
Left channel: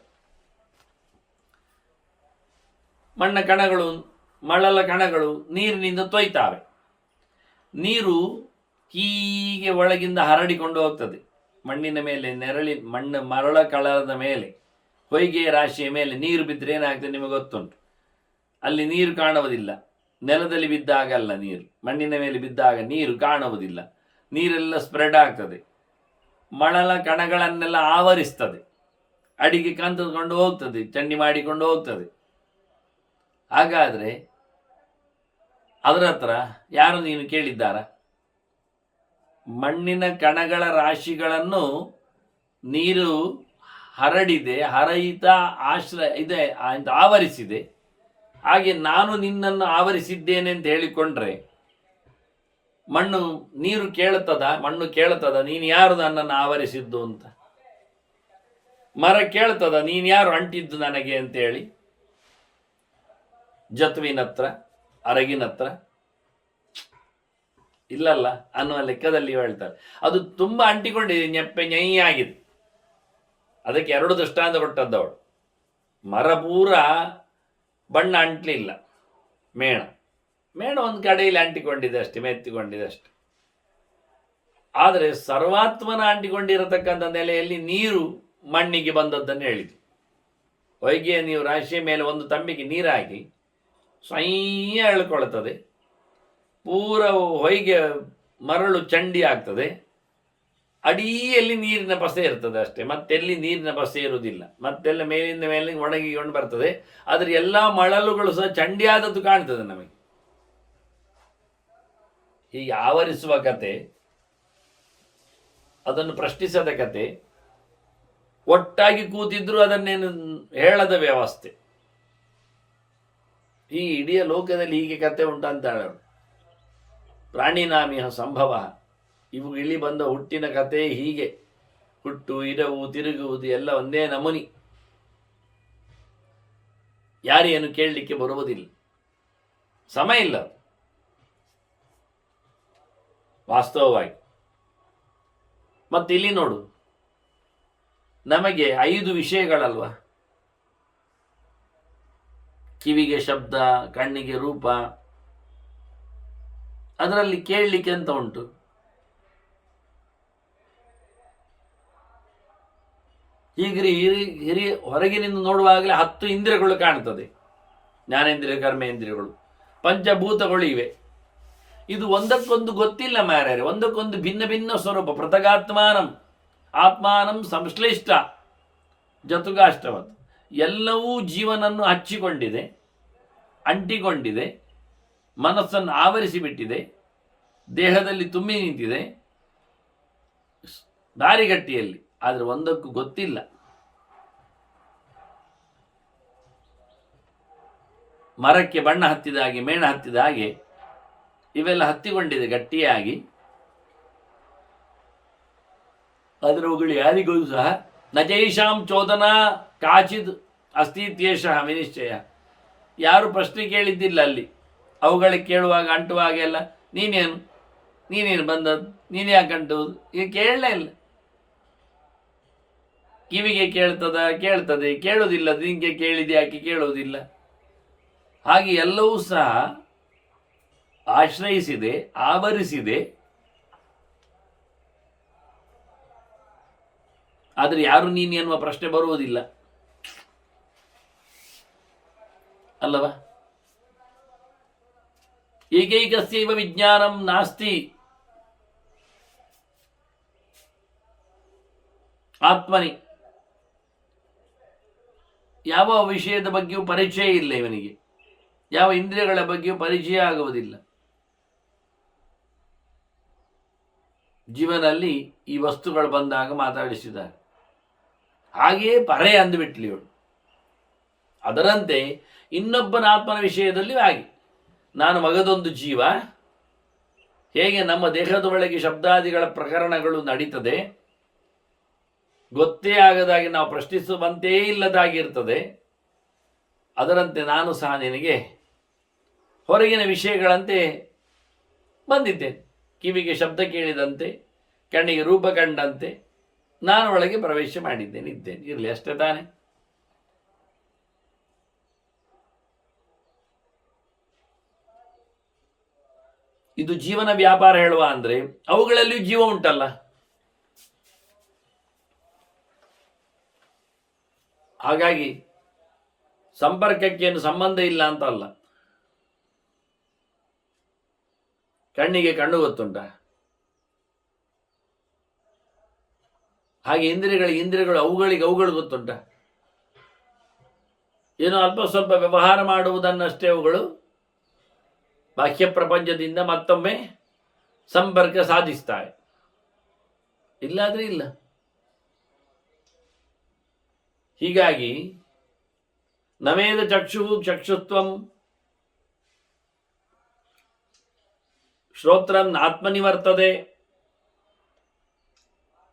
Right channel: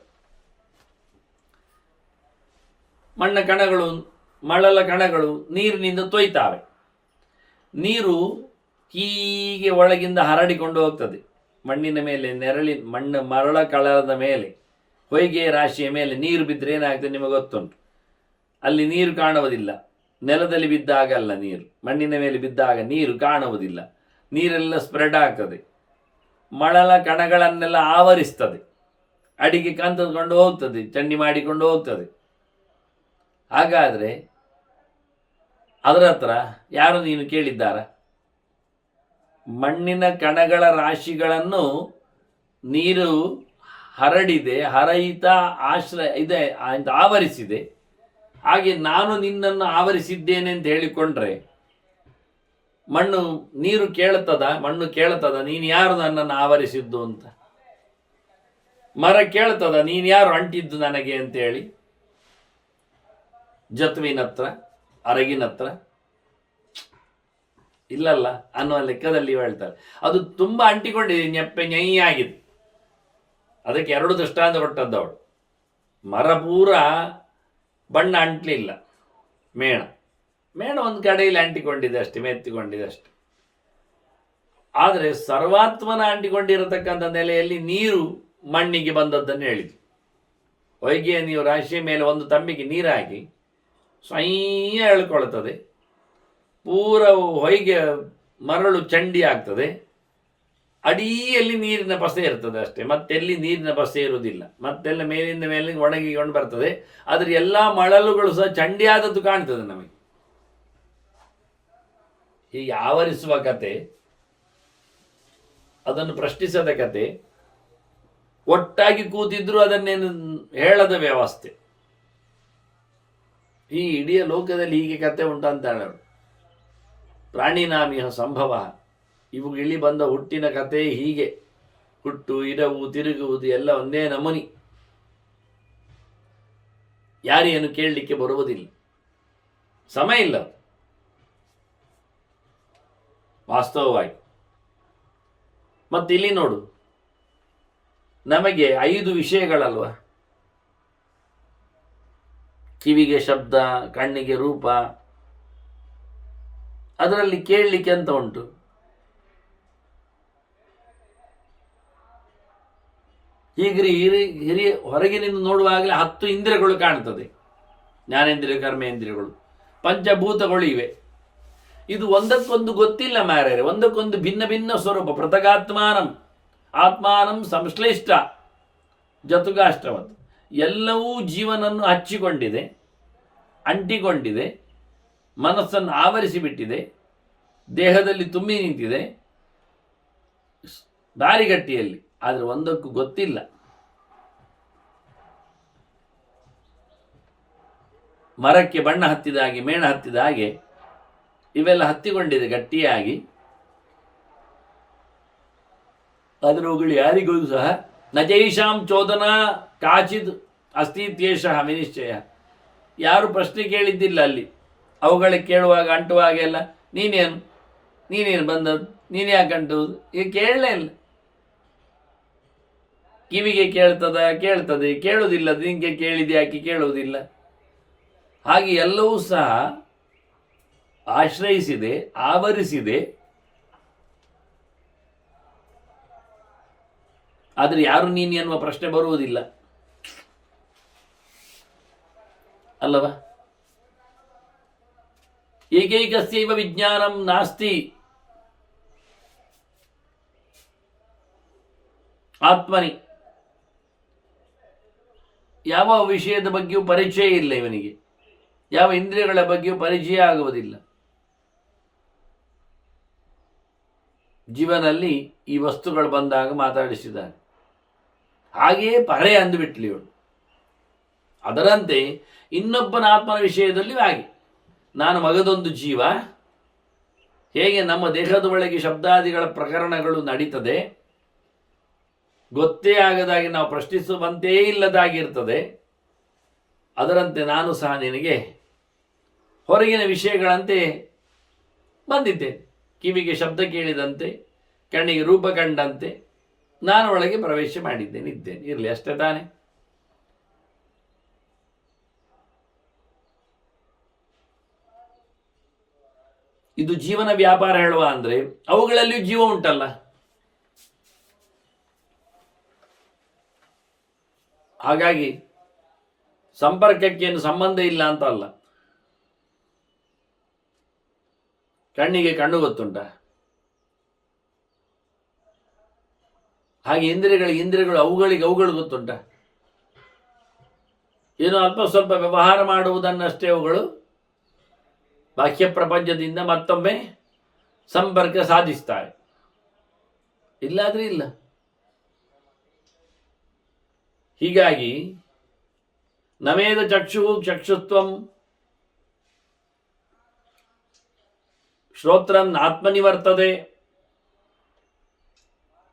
ಮಣ್ಣ ಕಣಗಳು, ಮಳಲ ಕಣಗಳು ನೀರಿನಿಂದ ತೊಯ್ತಾವೆ. ನೀರು ಹೀಗೆ ಒಳಗಿಂದ ಹರಡಿಕೊಂಡು ಹೋಗ್ತದೆ ಮಣ್ಣಿನ ಮೇಲೆ, ಮರಳ ಕಳದ ಮೇಲೆ, ಹೊಯ್ಗೆ ರಾಶಿಯ ಮೇಲೆ ನೀರು ಬಿದ್ದರೆ ಏನಾಗ್ತದೆ ನಿಮಗೆ ಗೊತ್ತುಂಟು. ಅಲ್ಲಿ ನೀರು ಕಾಣುವುದಿಲ್ಲ, ನೆಲದಲ್ಲಿ ಬಿದ್ದಾಗಲ್ಲ ನೀರು, ಮಣ್ಣಿನ ಮೇಲೆ ಬಿದ್ದಾಗ ನೀರು ಕಾಣುವುದಿಲ್ಲ. ನೀರೆಲ್ಲ ಸ್ಪ್ರೆಡ್ ಆಗ್ತದೆ, ಮಳಲ ಕಣಗಳನ್ನೆಲ್ಲ ಆವರಿಸ್ತದೆ, ಅಡಿಗೆ ಕಂತಕೊಂಡು ಹೋಗ್ತದೆ, ಚಂಡಿ ಮಾಡಿಕೊಂಡು ಹೋಗ್ತದೆ. ಹಾಗಾದರೆ ಅದರ ಹತ್ರ ಯಾರು ನೀನು ಕೇಳಿದ್ದಾರ? ಮಣ್ಣಿನ ಕಣಗಳ ರಾಶಿಗಳನ್ನು ನೀರು ಹರಡಿದೆ, ಹರಯಿತ ಆಶ್ರಯ ಇದೆ ಅಂತ ಆವರಿಸಿದೆ. ಹಾಗೆ ನಾನು ನಿನ್ನನ್ನು ಆವರಿಸಿದ್ದೇನೆ ಅಂತ ಹೇಳಿಕೊಂಡ್ರೆ ನೀರು ಕೇಳ್ತದ, ಮಣ್ಣು ಕೇಳ್ತದ ನೀನು ಯಾರು ನನ್ನನ್ನು ಆವರಿಸಿದ್ದು ಅಂತ? ಮರ ಕೇಳ್ತದ ನೀನು ಯಾರು ಅಂಟಿದ್ದು ನನಗೆ ಅಂತೇಳಿ? ಜತುವಿನತ್ರ, ಅರಗಿನತ್ರ ಇಲ್ಲಲ್ಲ ಅನ್ನುವ ಲೆಕ್ಕದಲ್ಲಿ ಹೇಳ್ತಾರೆ. ಅದು ತುಂಬ ಅಂಟಿಕೊಂಡಿದೆ, ನೆಪ್ಪೆ ಆಗಿದೆ. ಅದಕ್ಕೆ 2 ದೃಷ್ಟಾಂತ ಕೊಟ್ಟದ್ದವಳು. ಮರ ಪೂರ ಬಣ್ಣ ಅಂಟಲಿಲ್ಲ, ಮೇಣ ಒಂದು ಕಡೆಯಲ್ಲಿ ಅಂಟಿಕೊಂಡಿದೆ ಅಷ್ಟೇ, ಮೆತ್ತಿಕೊಂಡಿದೆ ಅಷ್ಟೆ. ಆದರೆ ಸರ್ವಾತ್ಮನ ಅಂಟಿಕೊಂಡಿರತಕ್ಕಂಥ ನೆಲೆಯಲ್ಲಿ ನೀರು ಮಣ್ಣಿಗೆ ಬಂದದ್ದನ್ನು ಹೇಳಿದ್ರು. ಹೊಯ್ಗೆ ನೀವು ರಾಶಿಯ ಮೇಲೆ ಒಂದು ತಂಬಿಗೆ ನೀರು ಹಾಕಿ ಸ್ವಯ್ಯ ಎಳ್ಕೊಳ್ತದೆ, ಪೂರ ಹೊಯ್ಗೆ ಮರಳು ಚಂಡಿ ಆಗ್ತದೆ, ಅಡಿಯಲ್ಲಿ ನೀರಿನ ಪಸೆ ಇರ್ತದೆ ಅಷ್ಟೇ, ಮತ್ತೆಲ್ಲಿ ನೀರಿನ ಪಸೆ ಇರುವುದಿಲ್ಲ, ಮತ್ತೆಲ್ಲ ಮೇಲಿಂದ ಮೇಲೆ ಒಣಗಿಕೊಂಡು ಬರ್ತದೆ. ಆದರೆ ಎಲ್ಲ ಮಳಲುಗಳು ಸಹ ಚಂಡಿಯಾದದ್ದು ಕಾಣ್ತದೆ ನಮಗೆ. ಹೀಗೆ ಆವರಿಸುವ ಕತೆ, ಅದನ್ನು ಪ್ರಶ್ನಿಸದ ಕತೆ, ಒಟ್ಟಾಗಿ ಕೂತಿದ್ರು ಅದನ್ನೇನು ಹೇಳದ ವ್ಯವಸ್ಥೆ. ಈ ಇಡೀ ಲೋಕದಲ್ಲಿ ಹೀಗೆ ಕತೆ ಉಂಟಂತ ಹೇಳೋದು. ಪ್ರಾಣಿನಾಮಿಹ ಸಂಭವ, ಇವು ಇಳಿ ಬಂದ ಹುಟ್ಟಿನ ಕತೆ ಹೀಗೆ. ಹುಟ್ಟು, ಇರವು, ತಿರುಗುವುದು ಎಲ್ಲ ಒಂದೇ ನಮೂನಿ. ಯಾರೇನು ಕೇಳಲಿಕ್ಕೆ ಬರುವುದಿಲ್ಲ, ಸಮಯ ಇಲ್ಲ ವಾಸ್ತವವಾಗಿ. ಮತ್ತೆ ಇಲ್ಲಿ ನೋಡು, ನಮಗೆ 5 ವಿಷಯಗಳಲ್ವ, ಕಿವಿಗೆ ಶಬ್ದ, ಕಣ್ಣಿಗೆ ರೂಪ, ಅದರಲ್ಲಿ ಕೇಳಲಿಕ್ಕೆ ಅಂತ ಉಂಟು. ಹೀಗೆ ಹಿರಿಯ ಹೊರಗಿನಿಂದ ನೋಡುವಾಗಲೇ 10 ಇಂದ್ರಿಯಗಳು ಕಾಣ್ತದೆ, ಜ್ಞಾನೇಂದ್ರಿಯ, ಕರ್ಮೇಂದ್ರಿಯಗಳು, ಪಂಚಭೂತಗಳು ಇವೆ. ಇದು ಒಂದಕ್ಕೊಂದು ಗೊತ್ತಿಲ್ಲ ಮಾರ್ಯಾರೆ, ಒಂದಕ್ಕೊಂದು ಭಿನ್ನ ಭಿನ್ನ ಸ್ವರೂಪ. ಪೃಥಗಾತ್ಮಾನಂ ಆತ್ಮಾನಂ ಸಂಶ್ಲೇಷ್ಟ ಜತುಗಾಷ್ಟವತ್. ಎಲ್ಲವೂ ಜೀವನನ್ನು ಹಚ್ಚಿಕೊಂಡಿದೆ, ಅಂಟಿಕೊಂಡಿದೆ, ಮನಸ್ಸನ್ನು ಆವರಿಸಿಬಿಟ್ಟಿದೆ, ದೇಹದಲ್ಲಿ ತುಂಬಿ ನಿಂತಿದೆ, ದಾರಿಗಟ್ಟಿಯಲ್ಲಿ. ಆದರೆ ಒಂದಕ್ಕೂ ಗೊತ್ತಿಲ್ಲ. ಮರಕ್ಕೆ ಬಣ್ಣ ಹತ್ತಿದ ಹಾಗೆ, ಮೇಣ ಹತ್ತಿದ ಹಾಗೆ ಇವೆಲ್ಲ ಹತ್ತಿಕೊಂಡಿದೆ ಗಟ್ಟಿಯಾಗಿ. ಅದರವುಗಳು ಯಾರಿಗೂ ಸಹ ನಜೈಷಾಂ ಚೋದನ ಕಾಚಿದ್ ಅಸ್ತಿತ್ಯೇಷ ವಿನಿಶ್ಚಯ. ಯಾರು ಪ್ರಶ್ನೆ ಕೇಳಿದ್ದಿಲ್ಲ ಅಲ್ಲಿ. ಅವುಗಳಿಗೆ ಕೇಳುವಾಗ ಅಂಟುವಾಗೆಲ್ಲ ನೀನೇನು ಬಂದದ್ದು, ನೀನು ಯಾಕೆ ಅಂಟುವುದು, ಈಗ ಕೇಳಲೇ ಇಲ್ಲ. ಕಿವಿಗೆ ಕೇಳ್ತದೆ, ಕೇಳುವುದಿಲ್ಲ, ನಿಂಗೆ ಕೇಳಿದೆ ಯಾಕೆ ಕೇಳುವುದಿಲ್ಲ. ಹಾಗೆ ಎಲ್ಲವೂ ಸಹ ಆಶ್ರಯಿಸಿದೆ, ಆವರಿಸಿದೆ. ಆದರೆ ಯಾರು ನೀನು ಎನ್ನುವ ಪ್ರಶ್ನೆ ಬರುವುದಿಲ್ಲ ಅಲ್ಲವ. ಏಕೈಕಸ್ಯೈವ ವಿಜ್ಞಾನಂ ನಾಸ್ತಿ ಆತ್ಮನಿ. ಯಾವ ವಿಷಯದ ಬಗ್ಗೆಯೂ ಪರಿಚಯ ಇಲ್ಲ ಇವನಿಗೆ, ಯಾವ ಇಂದ್ರಿಯಗಳ ಬಗ್ಗೆಯೂ ಪರಿಚಯ ಆಗುವುದಿಲ್ಲ. ಜೀವನಲ್ಲಿ ಈ ವಸ್ತುಗಳು ಬಂದಾಗ ಮಾತಾಡಿಸಿದಾಗ ಹಾಗೆಯೇ ಪರೆ ಅಂದುಬಿಟ್ಲಿ ಇವಳು. ಅದರಂತೆ ಇನ್ನೊಬ್ಬನ ಆತ್ಮನ ವಿಷಯದಲ್ಲಿ ಹಾಗೆ, ನಾನು ಮಗದೊಂದು ಜೀವ, ಹೇಗೆ ನಮ್ಮ ದೇಹದ ಒಳಗೆ ಶಬ್ದಾದಿಗಳ ಪ್ರಕರಣಗಳು ನಡೀತದೆ, ಗೊತ್ತೇ ಆಗದಾಗಿ ನಾವು ಪ್ರಶ್ನಿಸುವಂತೇ ಇಲ್ಲದಾಗಿರ್ತದೆ, ಅದರಂತೆ ನಾನು ಸಹ ನಿನಗೆ ಹೊರಗಿನ ವಿಷಯಗಳಂತೆ ಬಂದಿದ್ದೆ. ಕಿವಿಗೆ ಶಬ್ದ ಕೇಳಿದಂತೆ, ಕಣ್ಣಿಗೆ ರೂಪ ಕಂಡಂತೆ ನಾನು ಒಳಗೆ ಪ್ರವೇಶ ಮಾಡಿದ್ದೇನೆ, ಇದ್ದೇನೆ, ಇರಲಿ ಅಷ್ಟೇ ತಾನೆ. ಇದು ಜೀವನ ವ್ಯಾಪಾರ ಹೇಳುವ ಅಂದರೆ ಅವುಗಳಲ್ಲಿಯೂ ಜೀವ ಉಂಟಲ್ಲ. ಹಾಗಾಗಿ ಸಂಪರ್ಕಕ್ಕೇನು ಸಂಬಂಧ ಇಲ್ಲ ಅಂತ ಅಲ್ಲ. ಕಣ್ಣಿಗೆ ಕಣ್ಣು ಗೊತ್ತುಂಟ, ಹಾಗೆ ಇಂದ್ರಿಯಗಳು ಅವುಗಳು ಗೊತ್ತುಂಟ. ಏನೋ ಅಲ್ಪ ಸ್ವಲ್ಪ ವ್ಯವಹಾರ ಮಾಡುವುದನ್ನಷ್ಟೇ ಅವುಗಳು ಬಾಹ್ಯ ಪ್ರಪಂಚದಿಂದ ಮತ್ತೊಮ್ಮೆ ಸಂಪರ್ಕ ಸಾಧಿಸ್ತಾವೆ, ಇಲ್ಲಾದ್ರೆ ಇಲ್ಲ. ಹೀಗಾಗಿ ನಮೇದ ಚಕ್ಷುತ್ವಂ ಶ್ರೋತ್ರಂ ಆತ್ಮನಿವರ್ತದೆ.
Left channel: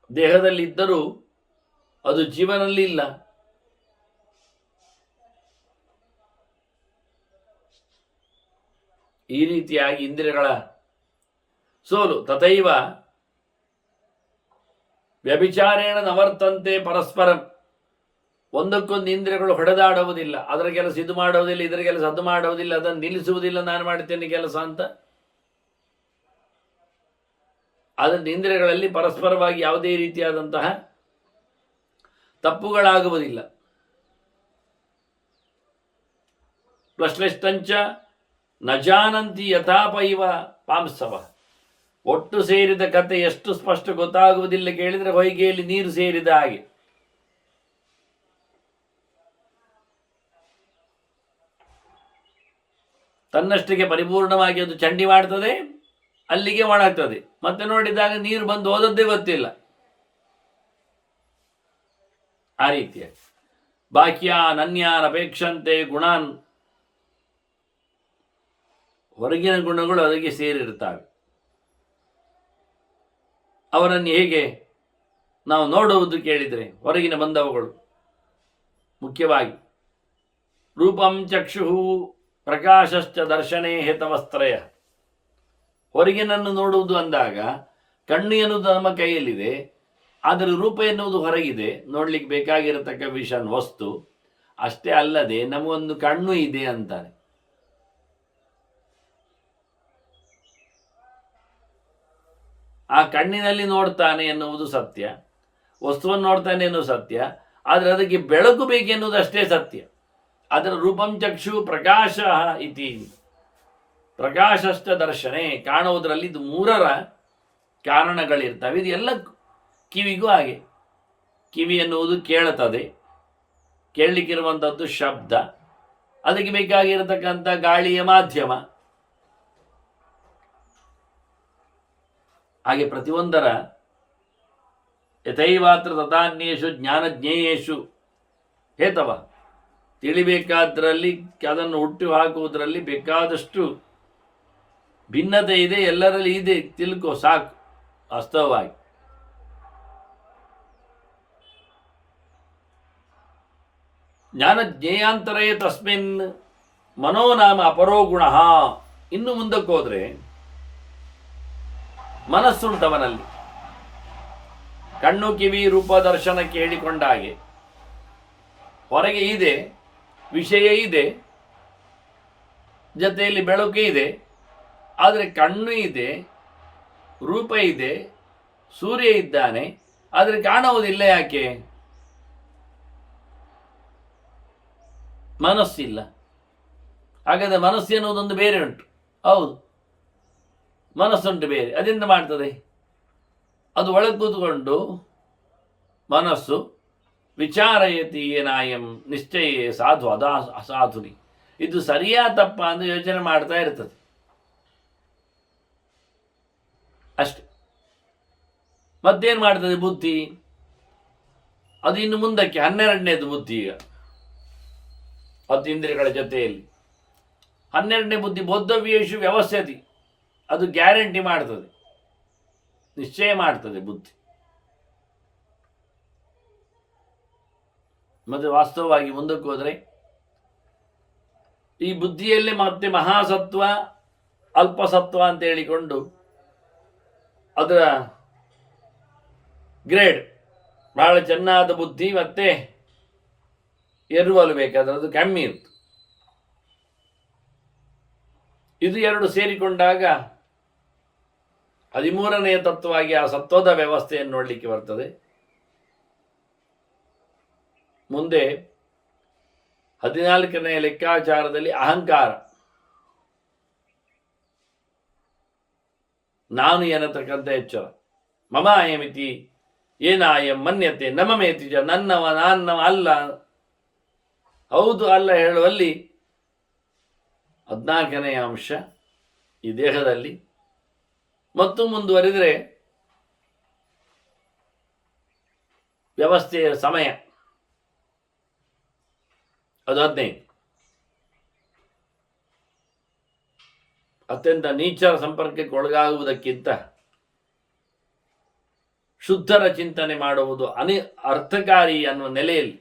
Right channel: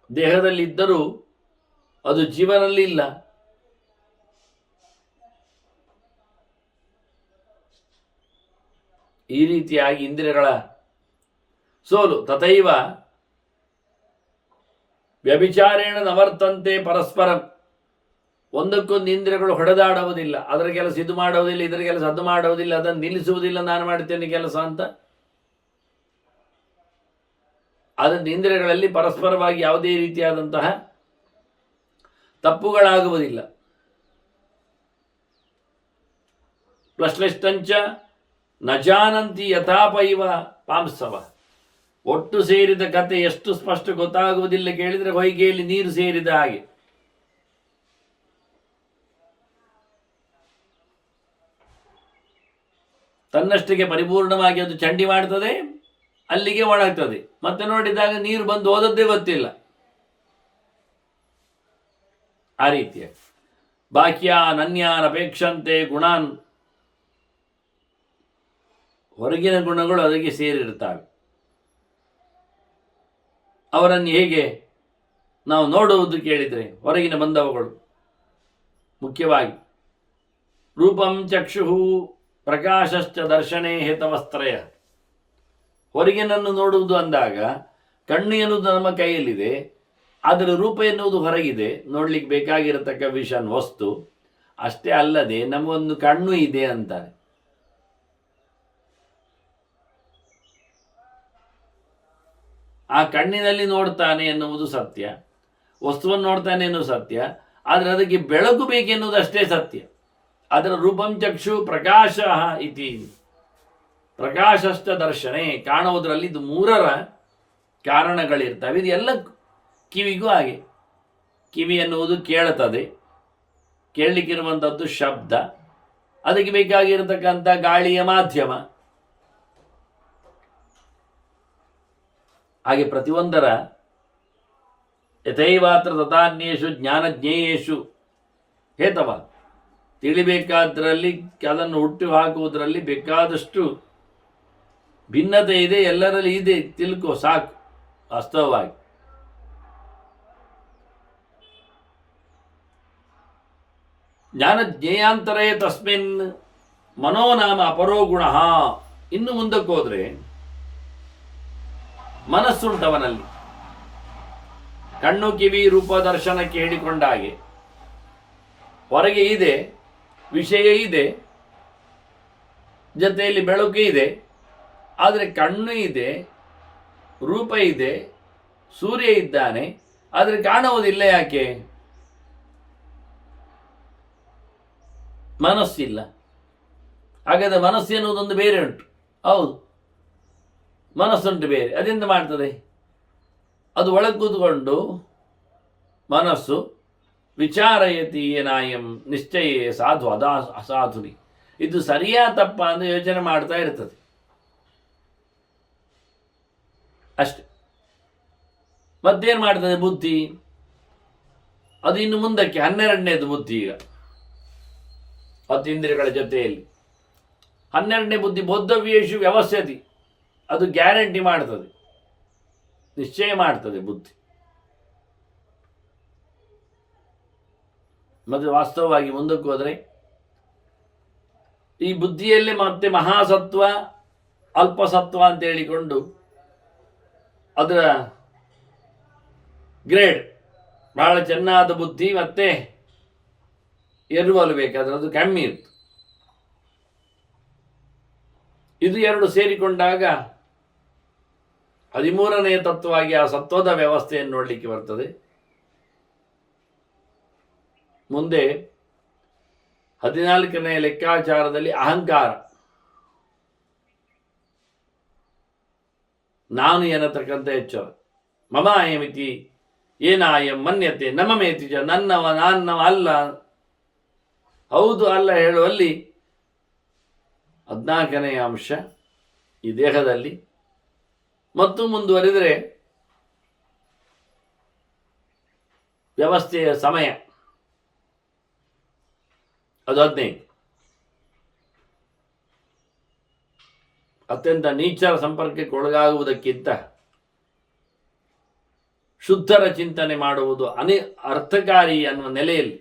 ದೇಹದಲ್ಲಿದ್ದರೂ ಅದು ಜೀವನಲ್ಲಿ ಇಲ್ಲ. ಈ ರೀತಿಯಾಗಿ ಇಂದ್ರಿಯಗಳ ಸೋಲು. ತಥೈವ ವ್ಯಭಿಚಾರೇಣ ನವರ್ತಂತೆ ಪರಸ್ಪರಂ. ಒಂದಕ್ಕೊಂದು ಇಂದ್ರಿಯಗಳು ಹೊಡೆದಾಡುವುದಿಲ್ಲ, ಅದರ ಕೆಲಸ ಇದು ಮಾಡುವುದಿಲ್ಲ, ಇದರ ಕೆಲಸ ಅದು ಮಾಡುವುದಿಲ್ಲ, ಅದನ್ನು ನಿಲ್ಲಿಸುವುದಿಲ್ಲ, ನಾನು ಮಾಡ್ತೇನೆ ಕೆಲಸ ಅಂತ. ಅದರಿಂದ ಇಂದ್ರಿಯಗಳಲ್ಲಿ ಪರಸ್ಪರವಾಗಿ ಯಾವುದೇ ರೀತಿಯಾದಂತಹ ತಪ್ಪುಗಳಾಗುವುದಿಲ್ಲ. ಪ್ಲಶ್ಲಿಷ್ಟಂಚ ನ ಜಾನಂತಿ ಯಥಾಪೈವ ಪಾಂಸವ. ಒಟ್ಟು ಸೇರಿದ ಕತೆ ಎಷ್ಟು ಸ್ಪಷ್ಟ ಗೊತ್ತಾಗುವುದಿಲ್ಲ ಕೇಳಿದರೆ ಹೊಯ್ಗೆಯಲ್ಲಿ ನೀರು ಸೇರಿದ ಹಾಗೆ. ತನ್ನಷ್ಟಕ್ಕೆ ಪರಿಪೂರ್ಣವಾಗಿ ಅದು ಚಂಡಿ ಮಾಡ್ತದೆ, ಅಲ್ಲಿಗೆ ಒಣಗ್ತದೆ, ಮತ್ತೆ ನೋಡಿದಾಗ ನೀರು ಬಂದು ಹೋದದ್ದೇ ಗೊತ್ತಿಲ್ಲ. ಆ ರೀತಿಯ ಬಾಹ್ಯಾನ್ ಅನ್ಯಾನ್ ಅಪೇಕ್ಷಂತೆ ಗುಣಾನ್, ಹೊರಗಿನ ಗುಣಗಳು ಅದಕ್ಕೆ ಸೇರಿರುತ್ತವೆ. ಅವರನ್ನು ಹೇಗೆ ನಾವು ನೋಡುವುದು ಕೇಳಿದರೆ, ಹೊರಗಿನ ಬಂದವುಗಳು ಮುಖ್ಯವಾಗಿ ರೂಪಂ ಚಕ್ಷು ಪ್ರಕಾಶಶ್ಚ ದರ್ಶನೇ ಹೇತವಸ್ತ್ರಯ. ಹೊರಗಿನನ್ನು ನೋಡುವುದು ಅಂದಾಗ ಕಣ್ಣು ಎನ್ನುವುದು ನಮ್ಮ ಕೈಯಲ್ಲಿದೆ, ಅದರ ರೂಪ ಎನ್ನುವುದು ಹೊರಗಿದೆ, ನೋಡ್ಲಿಕ್ಕೆ ಬೇಕಾಗಿರತಕ್ಕ ವಿಷನ್ ವಸ್ತು. ಅಷ್ಟೇ ಅಲ್ಲದೆ ನಮಗೊಂದು ಕಣ್ಣು ಇದೆ ಅಂತಾರೆ. ಆ ಕಣ್ಣಿನಲ್ಲಿ ನೋಡ್ತಾನೆ ಎನ್ನುವುದು ಸತ್ಯ, ವಸ್ತುವನ್ನು ನೋಡ್ತಾನೆ ಎನ್ನುವುದು ಸತ್ಯ, ಆದರೆ ಅದಕ್ಕೆ ಬೆಳಕು ಬೇಕೆನ್ನುವುದು ಅಷ್ಟೇ ಸತ್ಯ. ಅದರ ರೂಪಂ ಚಕ್ಷು ಪ್ರಕಾಶ ಇತಿ, ಪ್ರಕಾಶಶ್ಚ ದರ್ಶನೆ, ಕಾಣುವುದರಲ್ಲಿ ಇದು ಮೂರರ ಕಾರಣಗಳಿರ್ತವೆ. ಇದು ಎಲ್ಲ ಕಿವಿಗೂ ಹಾಗೆ. ಕಿವಿ ಎನ್ನುವುದು ಕೇಳುತ್ತದೆ, ಕೇಳಲಿಕ್ಕಿರುವಂಥದ್ದು ಶಬ್ದ, ಅದಕ್ಕೆ ಬೇಕಾಗಿರತಕ್ಕಂಥ ಗಾಳಿಯ ಮಾಧ್ಯಮ. ಹಾಗೆ ಪ್ರತಿಯೊಂದರ ಯಥೈವಾತ್ರ ತಥಾನ್ಯೇಷು ಜ್ಞಾನಜ್ಞೇಯೇಷು ಹೇತವ. ತಿಳಿಬೇಕಾದ್ರಲ್ಲಿ, ಅದನ್ನು ಹುಟ್ಟು ಹಾಕುವುದರಲ್ಲಿ ಬೇಕಾದಷ್ಟು ಭಿನ್ನತೆ ಇದೆ, ಎಲ್ಲರಲ್ಲಿ ಇದೆ, ತಿಳ್ಕೋ ಸಾಕು. ವಾಸ್ತವವಾಗಿ ಜ್ಞಾನಜ್ಞೇಯಾಂತರೇ ತಸ್ಮಿನ್ ಮನೋನಾಮ ಅಪರೋ ಗುಣ. ಇನ್ನು ಮುಂದಕ್ಕೆ ಹೋದ್ರೆ ಮನಸ್ಸುಂಟವನಲ್ಲಿ. ಕಣ್ಣು ಕಿವಿ ರೂಪ ದರ್ಶನಕ್ಕೆ ಹೇಳಿಕೊಂಡ ಹಾಗೆ ಹೊರಗೆ ಇದೆ, ವಿಷಯ ಇದೆ, ಜೊತೆಯಲ್ಲಿ ಬೆಳಕು ಇದೆ, ಆದರೆ ಕಣ್ಣು ಇದೆ, ರೂಪ ಇದೆ, ಸೂರ್ಯ ಇದ್ದಾನೆ, ಆದರೆ ಕಾಣುವುದಿಲ್ಲ. ಯಾಕೆ? ಮನಸ್ಸಿಲ್ಲ. ಹಾಗಾದರೆ ಮನಸ್ಸು ಎನ್ನುವುದೊಂದು ಬೇರೆ ಉಂಟು. ಹೌದು, ಮನಸ್ಸುಂಟು ಬೇರೆ. ಅದೆಂತ ಮಾಡ್ತದೆ? ಅದು ಒಳಗೆ ಕೂತ್ಕೊಂಡು ಮನಸ್ಸು ವಿಚಾರಯತಿ ಏನಾಯಂ ನಿಶ್ಚಯೇ ಸಾಧು ಅದಾ ಅಸಾಧುನಿ. ಇದು ಸರಿಯಾ ತಪ್ಪ ಅಂತ ಯೋಚನೆ ಮಾಡ್ತಾ ಇರ್ತದೆ ಅಷ್ಟೆ. ಮತ್ತೇನು ಮಾಡ್ತದೆ ಬುದ್ಧಿ? ಅದು ಇನ್ನು ಮುಂದಕ್ಕೆ 12ನೇದು ಬುದ್ಧಿ. ಈಗ 10 ಇಂದ್ರಿಯಗಳ ಜೊತೆಯಲ್ಲಿ 12ನೇ ಬುದ್ಧಿ ಬೋದ್ಧವ್ಯೇಷು ವ್ಯವಸ್ಥೆತಿ. ಅದು ಗ್ಯಾರಂಟಿ ಮಾಡ್ತದೆ, ನಿಶ್ಚಯ ಮಾಡ್ತದೆ ಬುದ್ಧಿ. ಮತ್ತು ವಾಸ್ತವವಾಗಿ ಮುಂದಕ್ಕೆ ಹೋದರೆ ಈ ಬುದ್ಧಿಯಲ್ಲೇ ಮತ್ತೆ ಮಹಾಸತ್ವ ಅಲ್ಪಸತ್ವ ಅಂತ ಹೇಳಿಕೊಂಡು ಅದರ ಗ್ರೇಡ್ ಬಹಳ ಚೆನ್ನಾದ ಬುದ್ಧಿ, ಮತ್ತೆ ಎರವಲು ಬೇಕಾದ್ರೆ ಅದು ಕಮ್ಮಿ ಇತ್ತು. ಇದು ಎರಡು ಸೇರಿಕೊಂಡಾಗ 13ನೇ ತತ್ವವಾಗಿ ಆ ಸತ್ವದ ವ್ಯವಸ್ಥೆಯನ್ನು ನೋಡಲಿಕ್ಕೆ ಬರ್ತದೆ. ಮುಂದೆ 14ನೇ ಲೆಕ್ಕಾಚಾರದಲ್ಲಿ ಅಹಂಕಾರ, ನಾನು ಎನ್ನತಕ್ಕಂಥ ಎಚ್ಚರ. ಮಮ ಅಯಮಿತಿ ಏನಾಯಂ ಮನ್ಯತೆ ನಮಮೇತಿ ಚ, ನನ್ನವ ನಾನ್ನವ ಅಲ್ಲ, ಹೌದು ಅಲ್ಲ ಹೇಳುವಲ್ಲಿ 14ನೇ ಅಂಶ ಈ ದೇಹದಲ್ಲಿ. ಮತ್ತು ಮುಂದುವರಿದರೆ ವ್ಯವಸ್ಥೆಯ ಸಮಯ ಅದು 15. ಅತ್ಯಂತ ನೀಚರ ಸಂಪರ್ಕಕ್ಕೆ ಒಳಗಾಗುವುದಕ್ಕಿಂತ ಶುದ್ಧರ ಚಿಂತನೆ ಮಾಡುವುದು ಅರ್ಥಕಾರಿ ಅನ್ನುವ ನೆಲೆಯಲ್ಲಿ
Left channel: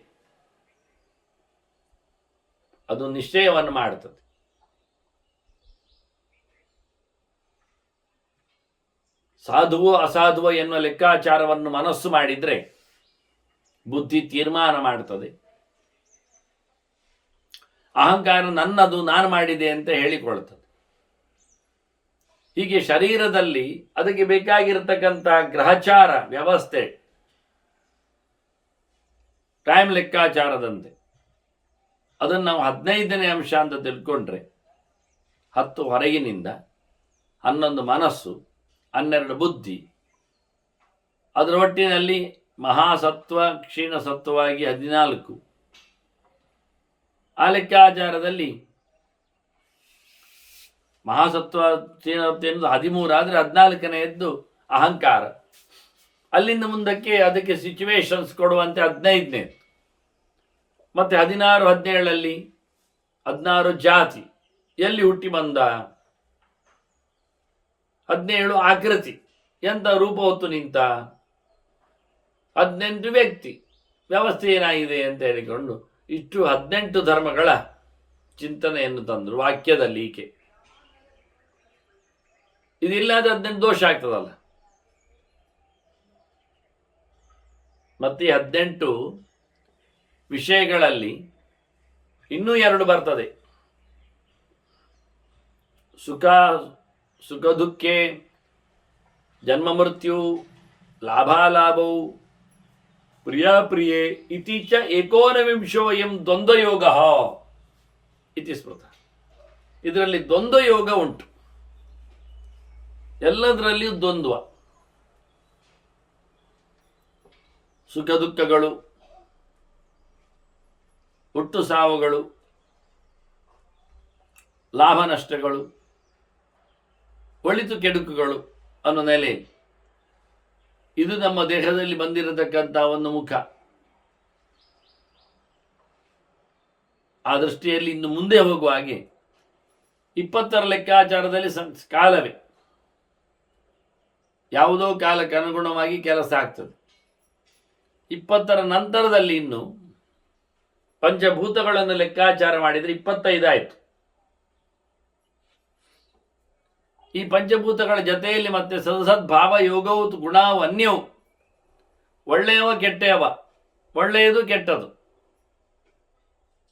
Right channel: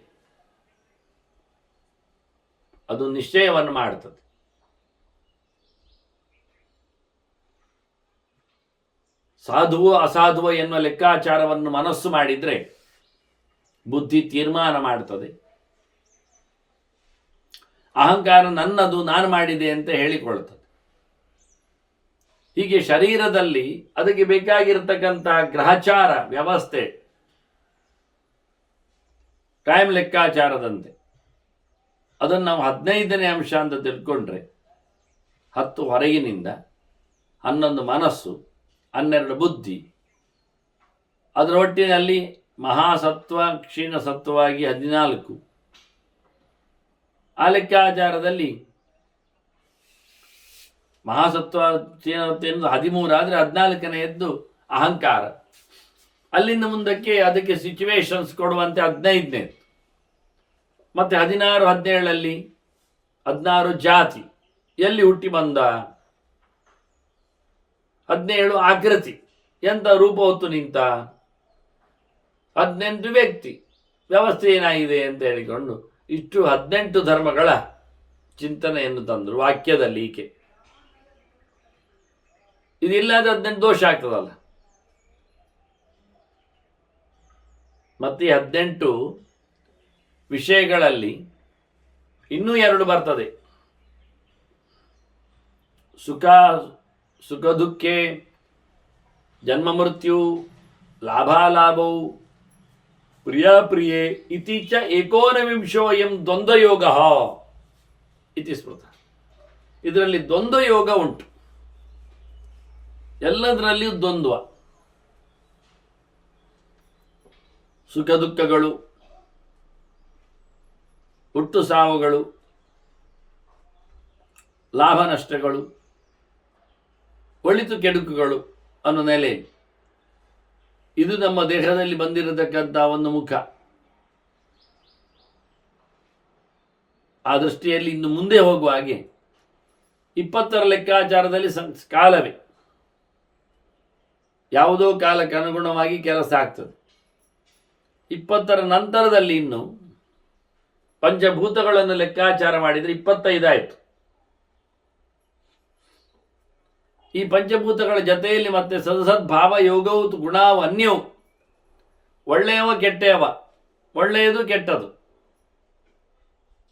ಅದು ನಿಶ್ಚಯವನ್ನು ಮಾಡುತ್ತದೆ. ಸಾಧುವೋ ಅಸಾಧುವೋ ಎನ್ನುವ ಲೆಕ್ಕಾಚಾರವನ್ನು ಮನಸ್ಸು ಮಾಡಿದರೆ ಬುದ್ಧಿ ತೀರ್ಮಾನ ಮಾಡುತ್ತದೆ. ಅಹಂಕಾರ ನನ್ನದು, ನಾನು ಮಾಡಿದೆ ಅಂತ ಹೇಳಿಕೊಳ್ತದೆ. ಹೀಗೆ ಶರೀರದಲ್ಲಿ ಅದಕ್ಕೆ ಬೇಕಾಗಿರತಕ್ಕಂಥ ಗ್ರಹಚಾರ ವ್ಯವಸ್ಥೆ, ಟೈಮ್ ಲೆಕ್ಕಾಚಾರದಂತೆ ಅದನ್ನು ನಾವು 15ನೇ ಅಂಶ ಅಂತ ತಿಳ್ಕೊಂಡ್ರೆ 10 ಹೊರಗಿನಿಂದ, 11 ಮನಸ್ಸು, 12 ಬುದ್ಧಿ, ಅದರ ಒಟ್ಟಿನಲ್ಲಿ ಮಹಾಸತ್ವ ಕ್ಷೀಣ ಸತ್ವವಾಗಿ 14, ಆ ಲೆಕ್ಕಾಚಾರದಲ್ಲಿ ಮಹಾಸತ್ವ ಕ್ಷೀಣ 13 ಆದರೆ 14ನೆಯದ್ದು ಅಹಂಕಾರ. ಅಲ್ಲಿಂದ ಮುಂದಕ್ಕೆ ಅದಕ್ಕೆ ಸಿಚುವೇಶನ್ಸ್ ಕೊಡುವಂತೆ 15ನೇ, ಮತ್ತೆ 16, 17ರಲ್ಲಿ 16 ಜಾತಿ, ಎಲ್ಲಿ ಹುಟ್ಟಿ ಬಂದ. 17 ಆಕೃತಿ, ಎಂಥ ರೂಪ ಹೊತ್ತು ನಿಂತ. 18 ವ್ಯಕ್ತಿ, ವ್ಯವಸ್ಥೆ ಏನಾಗಿದೆ ಅಂತ ಹೇಳಿಕೊಂಡು ಇಷ್ಟು 18 ಧರ್ಮಗಳ ಚಿಂತನೆಯನ್ನು ತಂದರು ವಾಕ್ಯದಲ್ಲಿ. ಈಕೆ ಇದಿಲ್ಲದೆ 18 ದೋಷ ಆಗ್ತದಲ್ಲ. ಮತ್ತೆ 18 ವಿಷಯಗಳಲ್ಲಿ ಇನ್ನೂ 2 ಬರ್ತದೆ. ಸುಖ ದುಃಖೆ, ಜನ್ಮ ಮೃತ್ಯು, ಲಾಭಾಲಾಭೌ, ಪ್ರಿಯೇ ಇತೀಚ 19 ದ್ವಂದ್ವಯೋಗ ಇತಿ ಸ್ಮೃತ. ಇದರಲ್ಲಿ ದ್ವಂದ್ವಯೋಗ ಉಂಟು. ಎಲ್ಲದರಲ್ಲಿಯೂ ದ್ವಂದ್ವ, ಸುಖ ದುಃಖಗಳು, ಹುಟ್ಟು ಸಾವುಗಳು, ಲಾಭ ನಷ್ಟಗಳು, ಒಳಿತು ಕೆಡುಕುಗಳು ಅನ್ನೋ ನೆಲೆಯಲ್ಲಿ ಇದು ನಮ್ಮ ದೇಹದಲ್ಲಿ ಬಂದಿರತಕ್ಕಂಥ ಒಂದು ಮುಖ. ಆ ದೃಷ್ಟಿಯಲ್ಲಿ ಇನ್ನು ಮುಂದೆ ಹೋಗುವ ಹಾಗೆ 20ರ ಲೆಕ್ಕಾಚಾರದಲ್ಲಿ ಕಾಲವೇ ಯಾವುದೋ ಕಾಲಕ್ಕೆ ಅನುಗುಣವಾಗಿ ಕೆಲಸ ಆಗ್ತದೆ. 20ರ ನಂತರದಲ್ಲಿ ಇನ್ನು ಪಂಚಭೂತಗಳನ್ನು ಲೆಕ್ಕಾಚಾರ ಮಾಡಿದರೆ 25 ಆಯಿತು. ಈ ಪಂಚಭೂತಗಳ ಜೊತೆಯಲ್ಲಿ ಮತ್ತೆ ಸದಸದ್ಭಾವ ಯೋಗವು ಗುಣವು ಅನ್ಯವು, ಒಳ್ಳೆಯವ ಕೆಟ್ಟೆಯವ, ಒಳ್ಳೆಯದು ಕೆಟ್ಟದು,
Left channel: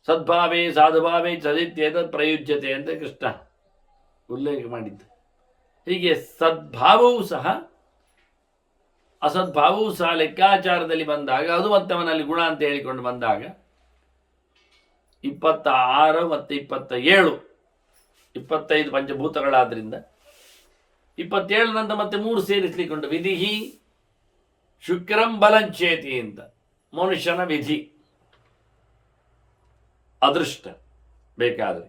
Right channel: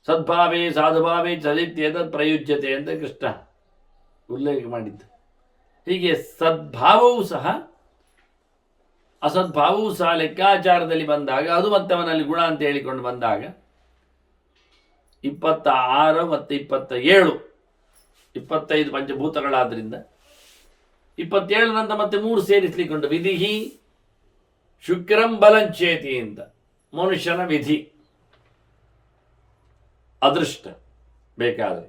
ಸದ್ಭಾವೇ ಸಾಧುಭಾವೇ ಚದಿತ್ಯೇದ ಪ್ರಯುಜ್ಯತೆ ಅಂತ ಕೃಷ್ಣ ಉಲ್ಲೇಖ ಮಾಡಿದ್ದು. ಹೀಗೆ ಸದ್ಭಾವವೂ ಸಹ ಅಸದ್ಭಾವವೂ ಸಹ ಲೆಕ್ಕಾಚಾರದಲ್ಲಿ ಬಂದಾಗ ಅದು ಮತ್ತೆ ಅವನಲ್ಲಿ ಗುಣ ಅಂತ ಹೇಳಿಕೊಂಡು ಬಂದಾಗ 26 ಮತ್ತು 27, 25 ಪಂಚಭೂತಗಳಾದ್ರಿಂದ 27 ನಂತರ ಮತ್ತೆ 3 ಸೇರಿಸಲಿಕ್ಕೊಂಡು ವಿಧಿಹಿ ಶುಕ್ರಂ ಬಲಂಚೇತಿ ಅಂತ. ಮನುಷ್ಯನ ವಿಧಿ, ಅದೃಷ್ಟ ಬೇಕಾದರೆ,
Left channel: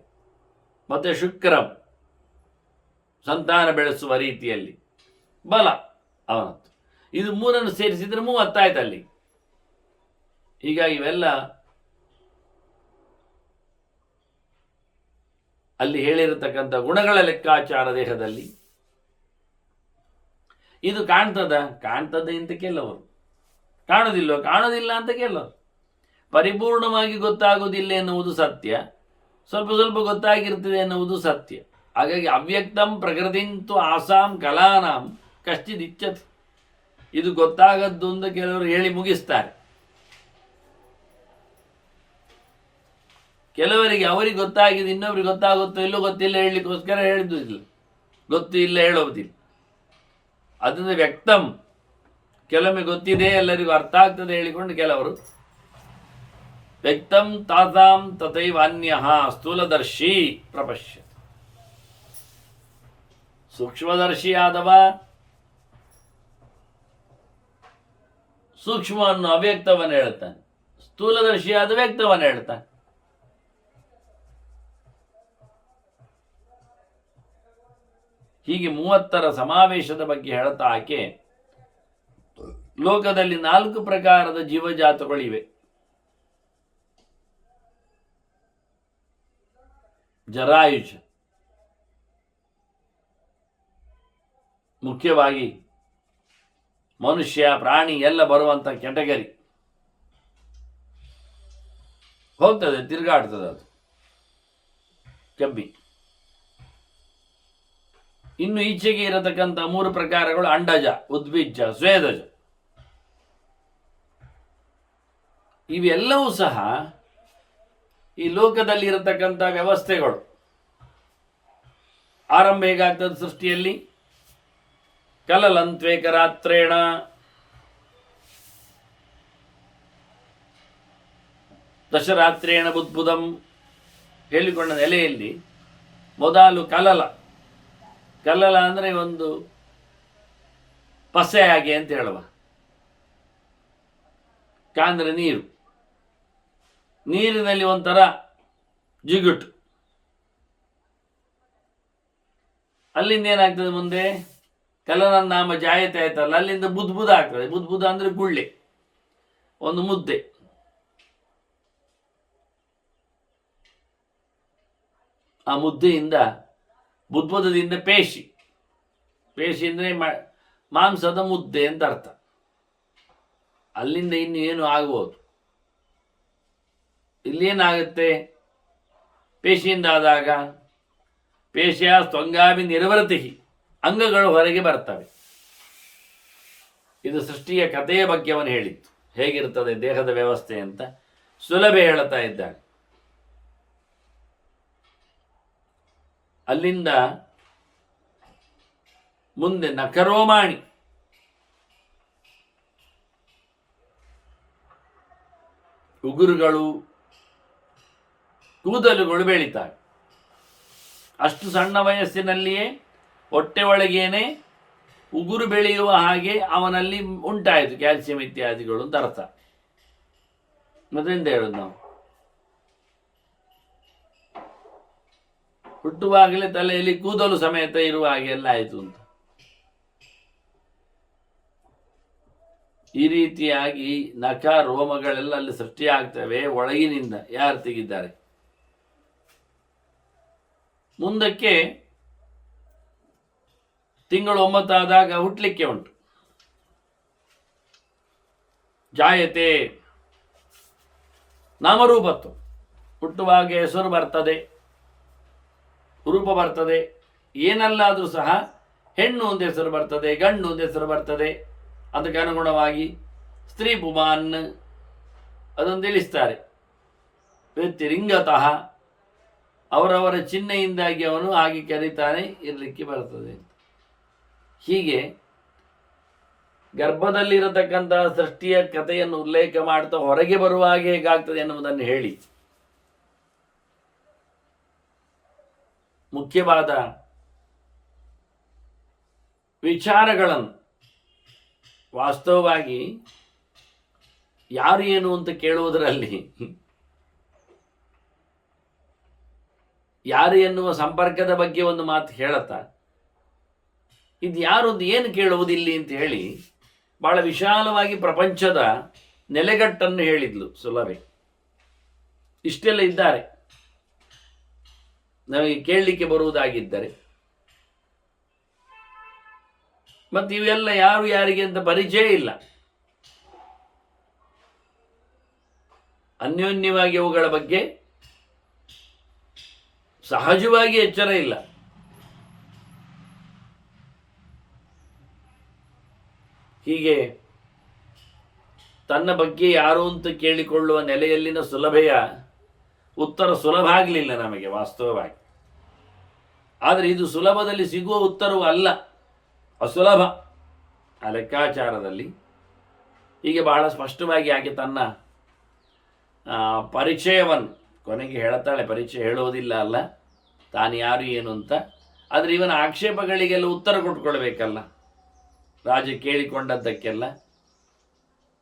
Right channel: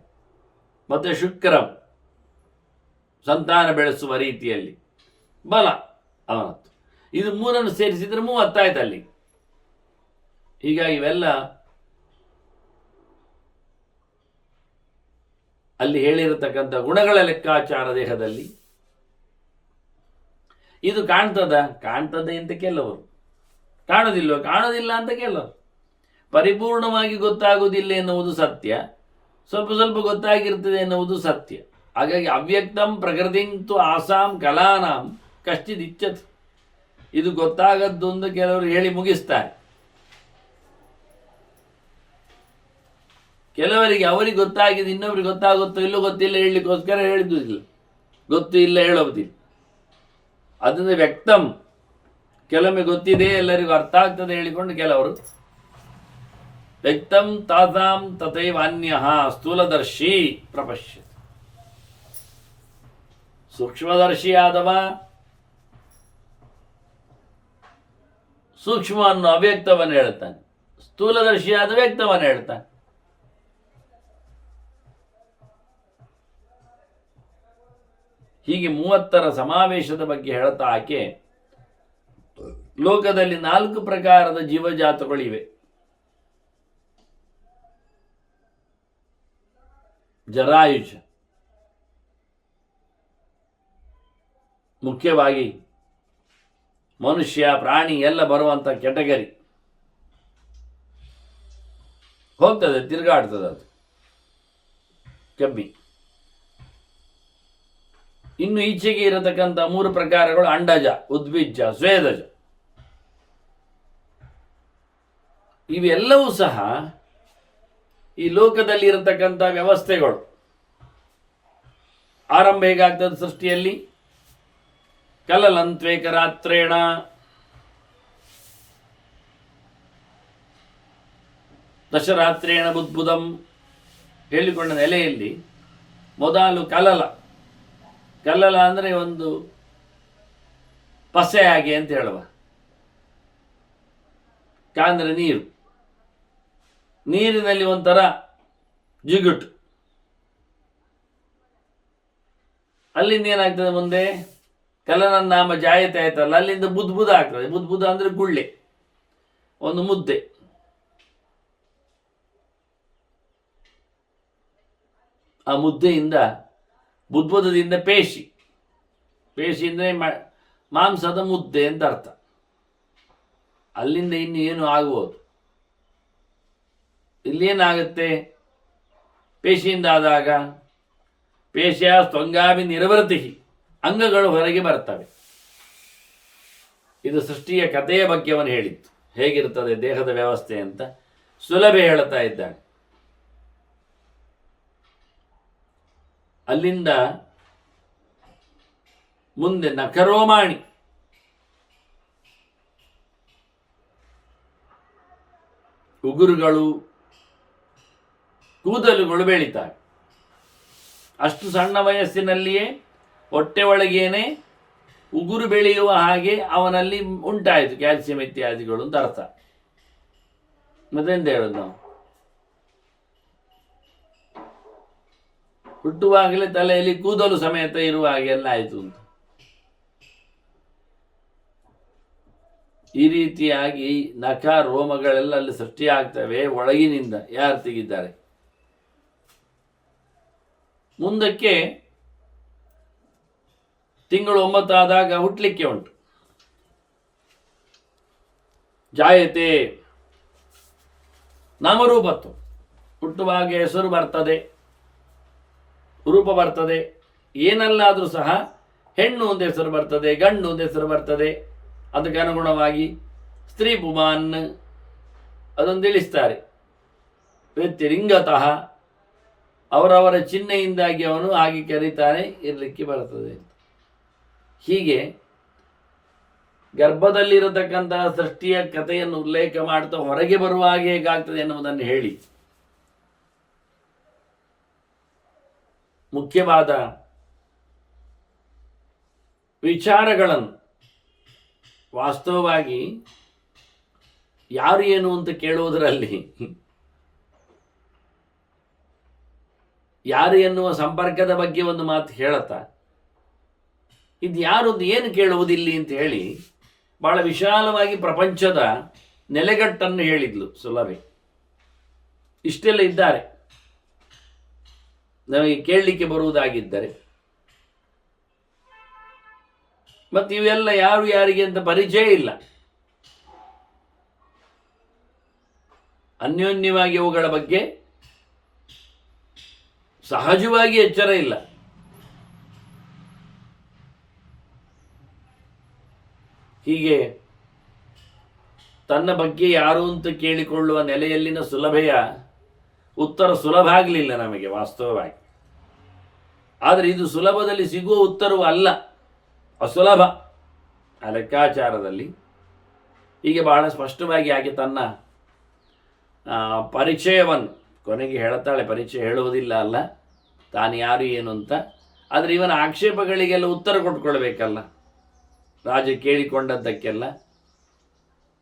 ಮತ್ತೆ ಶುಕ್ರಂ ಸಂತಾನ ಬೆಳೆಸುವ ರೀತಿಯಲ್ಲಿ ಬಲ ಅವನದ್ದು. ಇದು 3 ಸೇರಿಸಿದರೆ 30 ಆಯ್ತು ಅಲ್ಲಿ. ಹೀಗಾಗಿ ಇವೆಲ್ಲ ಅಲ್ಲಿ ಹೇಳಿರತಕ್ಕಂಥ ಗುಣಗಳ ಲೆಕ್ಕಾಚಾರ ದೇಹದಲ್ಲಿ ಇದು ಕಾಣ್ತದೆ ಅಂತ ಕೆಲವರು, ಕಾಣೋದಿಲ್ಲ ಅಂತ ಕೆಲವರು. ಪರಿಪೂರ್ಣವಾಗಿ ಗೊತ್ತಾಗುವುದಿಲ್ಲ ಎನ್ನುವುದು ಸತ್ಯ, ಸ್ವಲ್ಪ ಸ್ವಲ್ಪ ಗೊತ್ತಾಗಿರ್ತದೆ ಎನ್ನುವುದು ಸತ್ಯ. ಹಾಗಾಗಿ ಅವ್ಯಕ್ತಂ ಪ್ರಕೃತಿಂತು ಆಸಾಂ ಕಲಾನಾಂ ಕಶ್ಚಿದಿಚ್ಛತಿ. ಇದು ಗೊತ್ತಾಗದ್ದು ಅಂತ ಕೆಲವರು ಹೇಳಿ ಮುಗಿಸ್ತಾರೆ. ಕೆಲವರಿಗೆ ಅವರಿಗೆ ಗೊತ್ತಾಗಿದೆ, ಇನ್ನೊಬ್ರಿಗೆ ಗೊತ್ತಾಗುತ್ತೋ ಇಲ್ಲೋ ಗೊತ್ತಿಲ್ಲ ಹೇಳಲಿಕ್ಕೋಸ್ಕರ ಹೇಳಿದ್ದು ಇಲ್ಲ, ಗೊತ್ತು ಇಲ್ಲ ಹೇಳೋದಿಲ್ಲ. ಅದರಿಂದ ವ್ಯಕ್ತಂ ಕೆಲವೊಮ್ಮೆ ಗೊತ್ತಿದೆ, ಎಲ್ಲರಿಗೂ ಅರ್ಥ ಆಗ್ತದೆ ಹೇಳಿಕೊಂಡು ಕೆಲವರು ವ್ಯಕ್ತಂ ತಾತಾಂ ತಥೈವಾನ್ಯ ಸ್ಥೂಲದರ್ಶಿ ಪ್ರಪಶ್ಯತೆ. ಸೂಕ್ಷ್ಮದರ್ಶಿಯಾದವ ಸೂಕ್ಷ್ಮವನ್ನು ಅವ್ಯಕ್ತವನ್ನು ಹೇಳ್ತಾನೆ, ಸ್ಥೂಲದರ್ಶಿಯಾದ ವ್ಯಕ್ತವನ್ನು ಹೇಳ್ತಾನೆ. ಹೀಗೆ 30ರ ಸಮಾವೇಶದ ಬಗ್ಗೆ ಹೇಳ್ತಾ ಆಕೆ ಲೋಕದಲ್ಲಿ 4 ಪ್ರಕಾರದ ಜೀವಜಾತಗಳಿವೆ. ಜರಾಯುಜ, ಮುಖ್ಯವಾಗಿ ಮನುಷ್ಯ ಪ್ರಾಣಿ ಎಲ್ಲ ಬರುವಂಥ ಕೆಟಗರಿ ಹೋಗ್ತದೆ, ತಿರುಗಾಡ್ತದೆ ಅದು ಕಬ್ಬಿ. ಇನ್ನು ಈಚೆಗೆ ಇರತಕ್ಕಂಥ 3 ಪ್ರಕಾರಗಳು ಅಂಡಜ, ಉದ್ಭಿಜ್ಜ, ಸ್ವೇದಜ. ಇವೆಲ್ಲವೂ ಸಹ ಈ ಲೋಕದಲ್ಲಿ ಇರತಕ್ಕಂಥ ವ್ಯವಸ್ಥೆಗಳು ಆರಂಭ ಹೇಗಾಗ್ತದೆ ಸೃಷ್ಟಿಯಲ್ಲಿ? ಕಲಲಂತ್ವೇಕರಾತ್ರೇಣ ದಶರಾತ್ರೇಣ ಬುದ್ಬುದಂ ಹೇಳಿಕೊಂಡ ನೆಲೆಯಲ್ಲಿ ಮೊದಲು ಕಲಲ ಅಂದರೆ ಒಂದು ಪಸೆ ಹಾಗೆ ಅಂತ ಹೇಳುವ. ಅಂದರೆ ನೀರಿನಲ್ಲಿ ಒಂಥರ ಜಿಗುಟು. ಅಲ್ಲಿಂದ ಏನಾಗ್ತದೆ ಮುಂದೆ? ಕಲನನ್ನಾಮ ಜಾಯತೆ ಆಯ್ತಲ್ಲ, ಅಲ್ಲಿಂದ ಬುದ್ಬುದ ಆಗ್ತದೆ. ಬುದ್ಬುದ ಅಂದರೆ ಗುಳ್ಳೆ, ಒಂದು ಮುದ್ದೆ. ಆ ಮುದ್ದೆಯಿಂದ ಬುದ್ಬುದದಿಂದ ಪೇಶಿ ಅಂದರೆ ಮಾಂಸದ ಮುದ್ದೆ ಅಂತ ಅರ್ಥ. ಅಲ್ಲಿಂದ ಇನ್ನು ಏನು ಆಗುವುದು? ಇಲ್ಲೇನಾಗುತ್ತೆ? ಪೇಶಿಯಿಂದ ಆದಾಗ ಪೇಶಿಯ ಸ್ತಂಗಾಭಿ ನಿರ್ವೃತಿ, ಅಂಗಗಳು ಹೊರಗೆ ಬರ್ತವೆ. ಇದು ಸೃಷ್ಟಿಯ ಕಥೆಯ ಬಗ್ಗೆ ಅವನು ಹೇಳಿತ್ತು, ಹೇಗಿರ್ತದೆ ದೇಹದ ವ್ಯವಸ್ಥೆ ಅಂತ ಸುಲಭ ಹೇಳ್ತಾ ಇದ್ದಾನೆ. ಅಲ್ಲಿಂದ ಮುಂದೆ ನಖರೋಮಾಣಿ, ಉಗುರುಗಳು, ಕೂದಲುಗಳು ಬೆಳೀತಾರೆ. ಅಷ್ಟು ಸಣ್ಣ ವಯಸ್ಸಿನಲ್ಲಿಯೇ ಹೊಟ್ಟೆ ಒಳಗೇನೆ ಉಗುರು ಬೆಳೆಯುವ ಹಾಗೆ ಅವನಲ್ಲಿ ಉಂಟಾಯಿತು ಕ್ಯಾಲ್ಸಿಯಂ ಇತ್ಯಾದಿಗಳು ಅಂತ ಅರ್ಥ. ಮತ್ತೆಂತ ಹೇಳೋದು ನಾವು? ಹುಟ್ಟುವಾಗಲೇ ತಲೆಯಲ್ಲಿ ಕೂದಲು ಸಮೇತ ಇರುವ ಹಾಗೆ ಎಲ್ಲ ಆಯಿತು ಅಂತ. ಈ ರೀತಿಯಾಗಿ ನಖ ರೋಮಗಳೆಲ್ಲ ಅಲ್ಲಿ ಸೃಷ್ಟಿಯಾಗ್ತವೆ ಒಳಗಿನಿಂದ. ಯಾರು ತೆಗಿದ್ದಾರೆ? ಮುಂದಕ್ಕೆ ತಿಂಗಳು 9 ಆದಾಗ ಹುಟ್ಟಲಿಕ್ಕೆ ಉಂಟು. ಜಾಯತೆ ನಾಮರೂಪತ್ತು, ಹುಟ್ಟುವಾಗ ಹೆಸರು ಬರ್ತದೆ, ರೂಪ ಬರ್ತದೆ. ಏನಲ್ಲಾದರೂ ಸಹ ಹೆಣ್ಣು ಒಂದು ಹೆಸರು ಬರ್ತದೆ, ಗಂಡು ಒಂದು ಹೆಸರು ಬರ್ತದೆ. ಅದಕ್ಕೆ ಅನುಗುಣವಾಗಿ ಸ್ತ್ರೀ ಪುಮಾನ್ ಅದನ್ನು ತಿಳಿಸ್ತಾರೆ. ವ್ಯತಿರಿಂಗತಃ ಅವರವರ ಚಿಹ್ನೆಯಿಂದಾಗಿ ಅವನು ಹಾಗೆ ಕರೀತಾನೆ ಇರಲಿಕ್ಕೆ ಬರ್ತದೆ ಅಂತ. ಹೀಗೆ ಗರ್ಭದಲ್ಲಿರತಕ್ಕಂತಹ ಸೃಷ್ಟಿಯ ಕಥೆಯನ್ನು ಉಲ್ಲೇಖ ಮಾಡ್ತಾ ಹೊರಗೆ ಬರುವಾಗ ಹೇಗಾಗ್ತದೆ ಎನ್ನುವುದನ್ನು ಹೇಳಿ ಮುಖ್ಯವಾದ ವಿಚಾರಗಳನ್ನು ವಾಸ್ತವವಾಗಿ ಯಾರು ಏನು ಅಂತ ಕೇಳುವುದರಲ್ಲಿ ಯಾರು ಎನ್ನುವ ಸಂಪರ್ಕದ ಬಗ್ಗೆ ಒಂದು ಮಾತು ಹೇಳುತ್ತಾ, ಇದು ಯಾರು ಏನು ಕೇಳುವುದಿಲ್ಲಿ ಅಂತ ಹೇಳಿ ಬಹಳ ವಿಶಾಲವಾಗಿ ಪ್ರಪಂಚದ ನೆಲೆಗಟ್ಟನ್ನು ಹೇಳಿದ್ಲು ಸುಲಭೆ. ಇಷ್ಟೆಲ್ಲ ಇದ್ದಾರೆ ನಮಗೆ ಕೇಳಲಿಕ್ಕೆ ಬರುವುದಾಗಿದ್ದರೆ. ಮತ್ತು ಇವೆಲ್ಲ ಯಾರು ಯಾರಿಗೆ ಅಂತ ಪರಿಚಯ ಇಲ್ಲ. ಅನ್ಯೋನ್ಯವಾಗಿ ಅವುಗಳ ಬಗ್ಗೆ ಸಹಜವಾಗಿ ಎಚ್ಚರ ಇಲ್ಲ. ಹೀಗೆ ತನ್ನ ಬಗ್ಗೆ ಯಾರು ಅಂತ ಕೇಳಿಕೊಳ್ಳುವ ನೆಲೆಯಲ್ಲಿನ ಸುಲಭೆಯ ಉತ್ತರ ಸುಲಭ ಆಗಲಿಲ್ಲ ನಮಗೆ ವಾಸ್ತವವಾಗಿ. ಆದರೆ ಇದು ಸುಲಭದಲ್ಲಿ ಸಿಗುವ ಉತ್ತರವೂ ಅಲ್ಲ, ಅಸುಲಭ. ಆ ಲೆಕ್ಕಾಚಾರದಲ್ಲಿ ಹೀಗೆ ಬಹಳ ಸ್ಪಷ್ಟವಾಗಿ ಆಕೆ ತನ್ನ ಪರಿಚಯವನ್ನು ಕೊನೆಗೆ ಹೇಳ್ತಾಳೆ. ಪರಿಚಯ ಹೇಳುವುದಿಲ್ಲ ಅಲ್ಲ, ತಾನು ಯಾರು ಏನು ಅಂತ. ಆದರೆ ಇವನ ಆಕ್ಷೇಪಗಳಿಗೆಲ್ಲ ಉತ್ತರ ಕೊಟ್ಕೊಳ್ಬೇಕಲ್ಲ. ರಾಜ ಕೇಳಿಕೊಂಡದ್ದಕ್ಕೆಲ್ಲ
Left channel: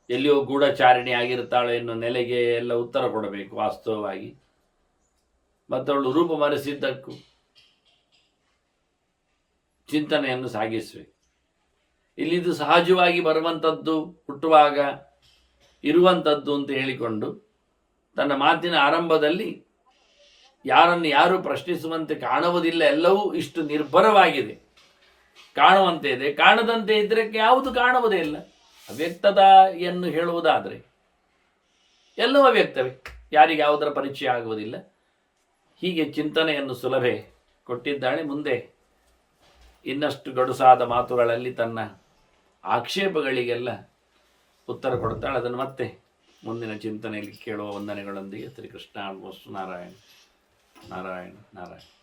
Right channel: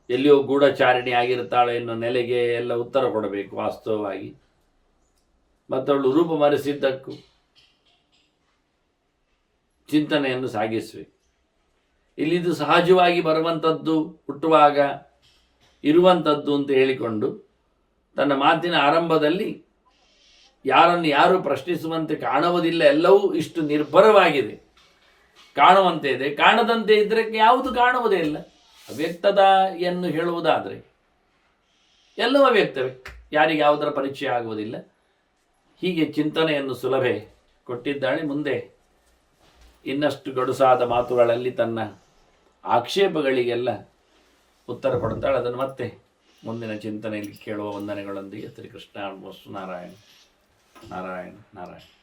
ಎಲ್ಲಿಯೋ ಗೂಢಚಾರಿಣಿ ಆಗಿರ್ತಾಳೆ ಎನ್ನುವ ನೆಲೆಗೆ ಎಲ್ಲ ಉತ್ತರ ಕೊಡಬೇಕು ವಾಸ್ತವವಾಗಿ. ಮತ್ತವಳು ರೂಪ ಮರೆಸಿದ್ದಕ್ಕೂ ಚಿಂತನೆಯನ್ನು ಸಾಗಿಸಬೇಕು. ಇಲ್ಲಿದು ಸಹಜವಾಗಿ ಬರುವಂಥದ್ದು, ಹುಟ್ಟುವಾಗ ಇರುವಂಥದ್ದು ಅಂತ ಹೇಳಿಕೊಂಡು ತನ್ನ ಮಾತಿನ ಆರಂಭದಲ್ಲಿ ಯಾರನ್ನು ಯಾರು ಪ್ರಶ್ನಿಸುವಂತೆ ಕಾಣುವುದಿಲ್ಲ, ಎಲ್ಲವೂ ಇಷ್ಟು ನಿರ್ಭರವಾಗಿದೆ, ಕಾಣುವಂತೆ ಇದೆ. ಕಾಣದಂತೆ ಇದ್ದರೆ ಯಾವುದು ಕಾಣುವುದೇ ಇಲ್ಲ. ಅವ್ಯಕ್ತತೆಯನ್ನು ಹೇಳುವುದಾದರೆ ಎಲ್ಲವೂ ಅವ್ಯಕ್ತವೇ, ಯಾರಿಗೆ ಯಾವುದರ ಪರಿಚಯ ಆಗುವುದಿಲ್ಲ. ಹೀಗೆ ಚಿಂತನೆಯನ್ನು ಸುಲಭೆ ಕೊಟ್ಟಿದ್ದಾಳೆ. ಮುಂದೆ ಇನ್ನಷ್ಟು ಗಡುಸಾದ ಮಾತುಗಳಲ್ಲಿ ತನ್ನ ಆಕ್ಷೇಪಗಳಿಗೆಲ್ಲ ಉತ್ತರ ಕೊಡ್ತಾಳೆ. ಅದನ್ನು ಮತ್ತೆ ಮುಂದಿನ ಚಿಂತನೆಯಲ್ಲಿ ಕೇಳುವ ವಂದನೆಗಳೊಂದಿಗೆ ಶ್ರೀಕೃಷ್ಣ ನಾರಾಯಣ ನಾರಾಯಣ ನಾರಾಯಣ.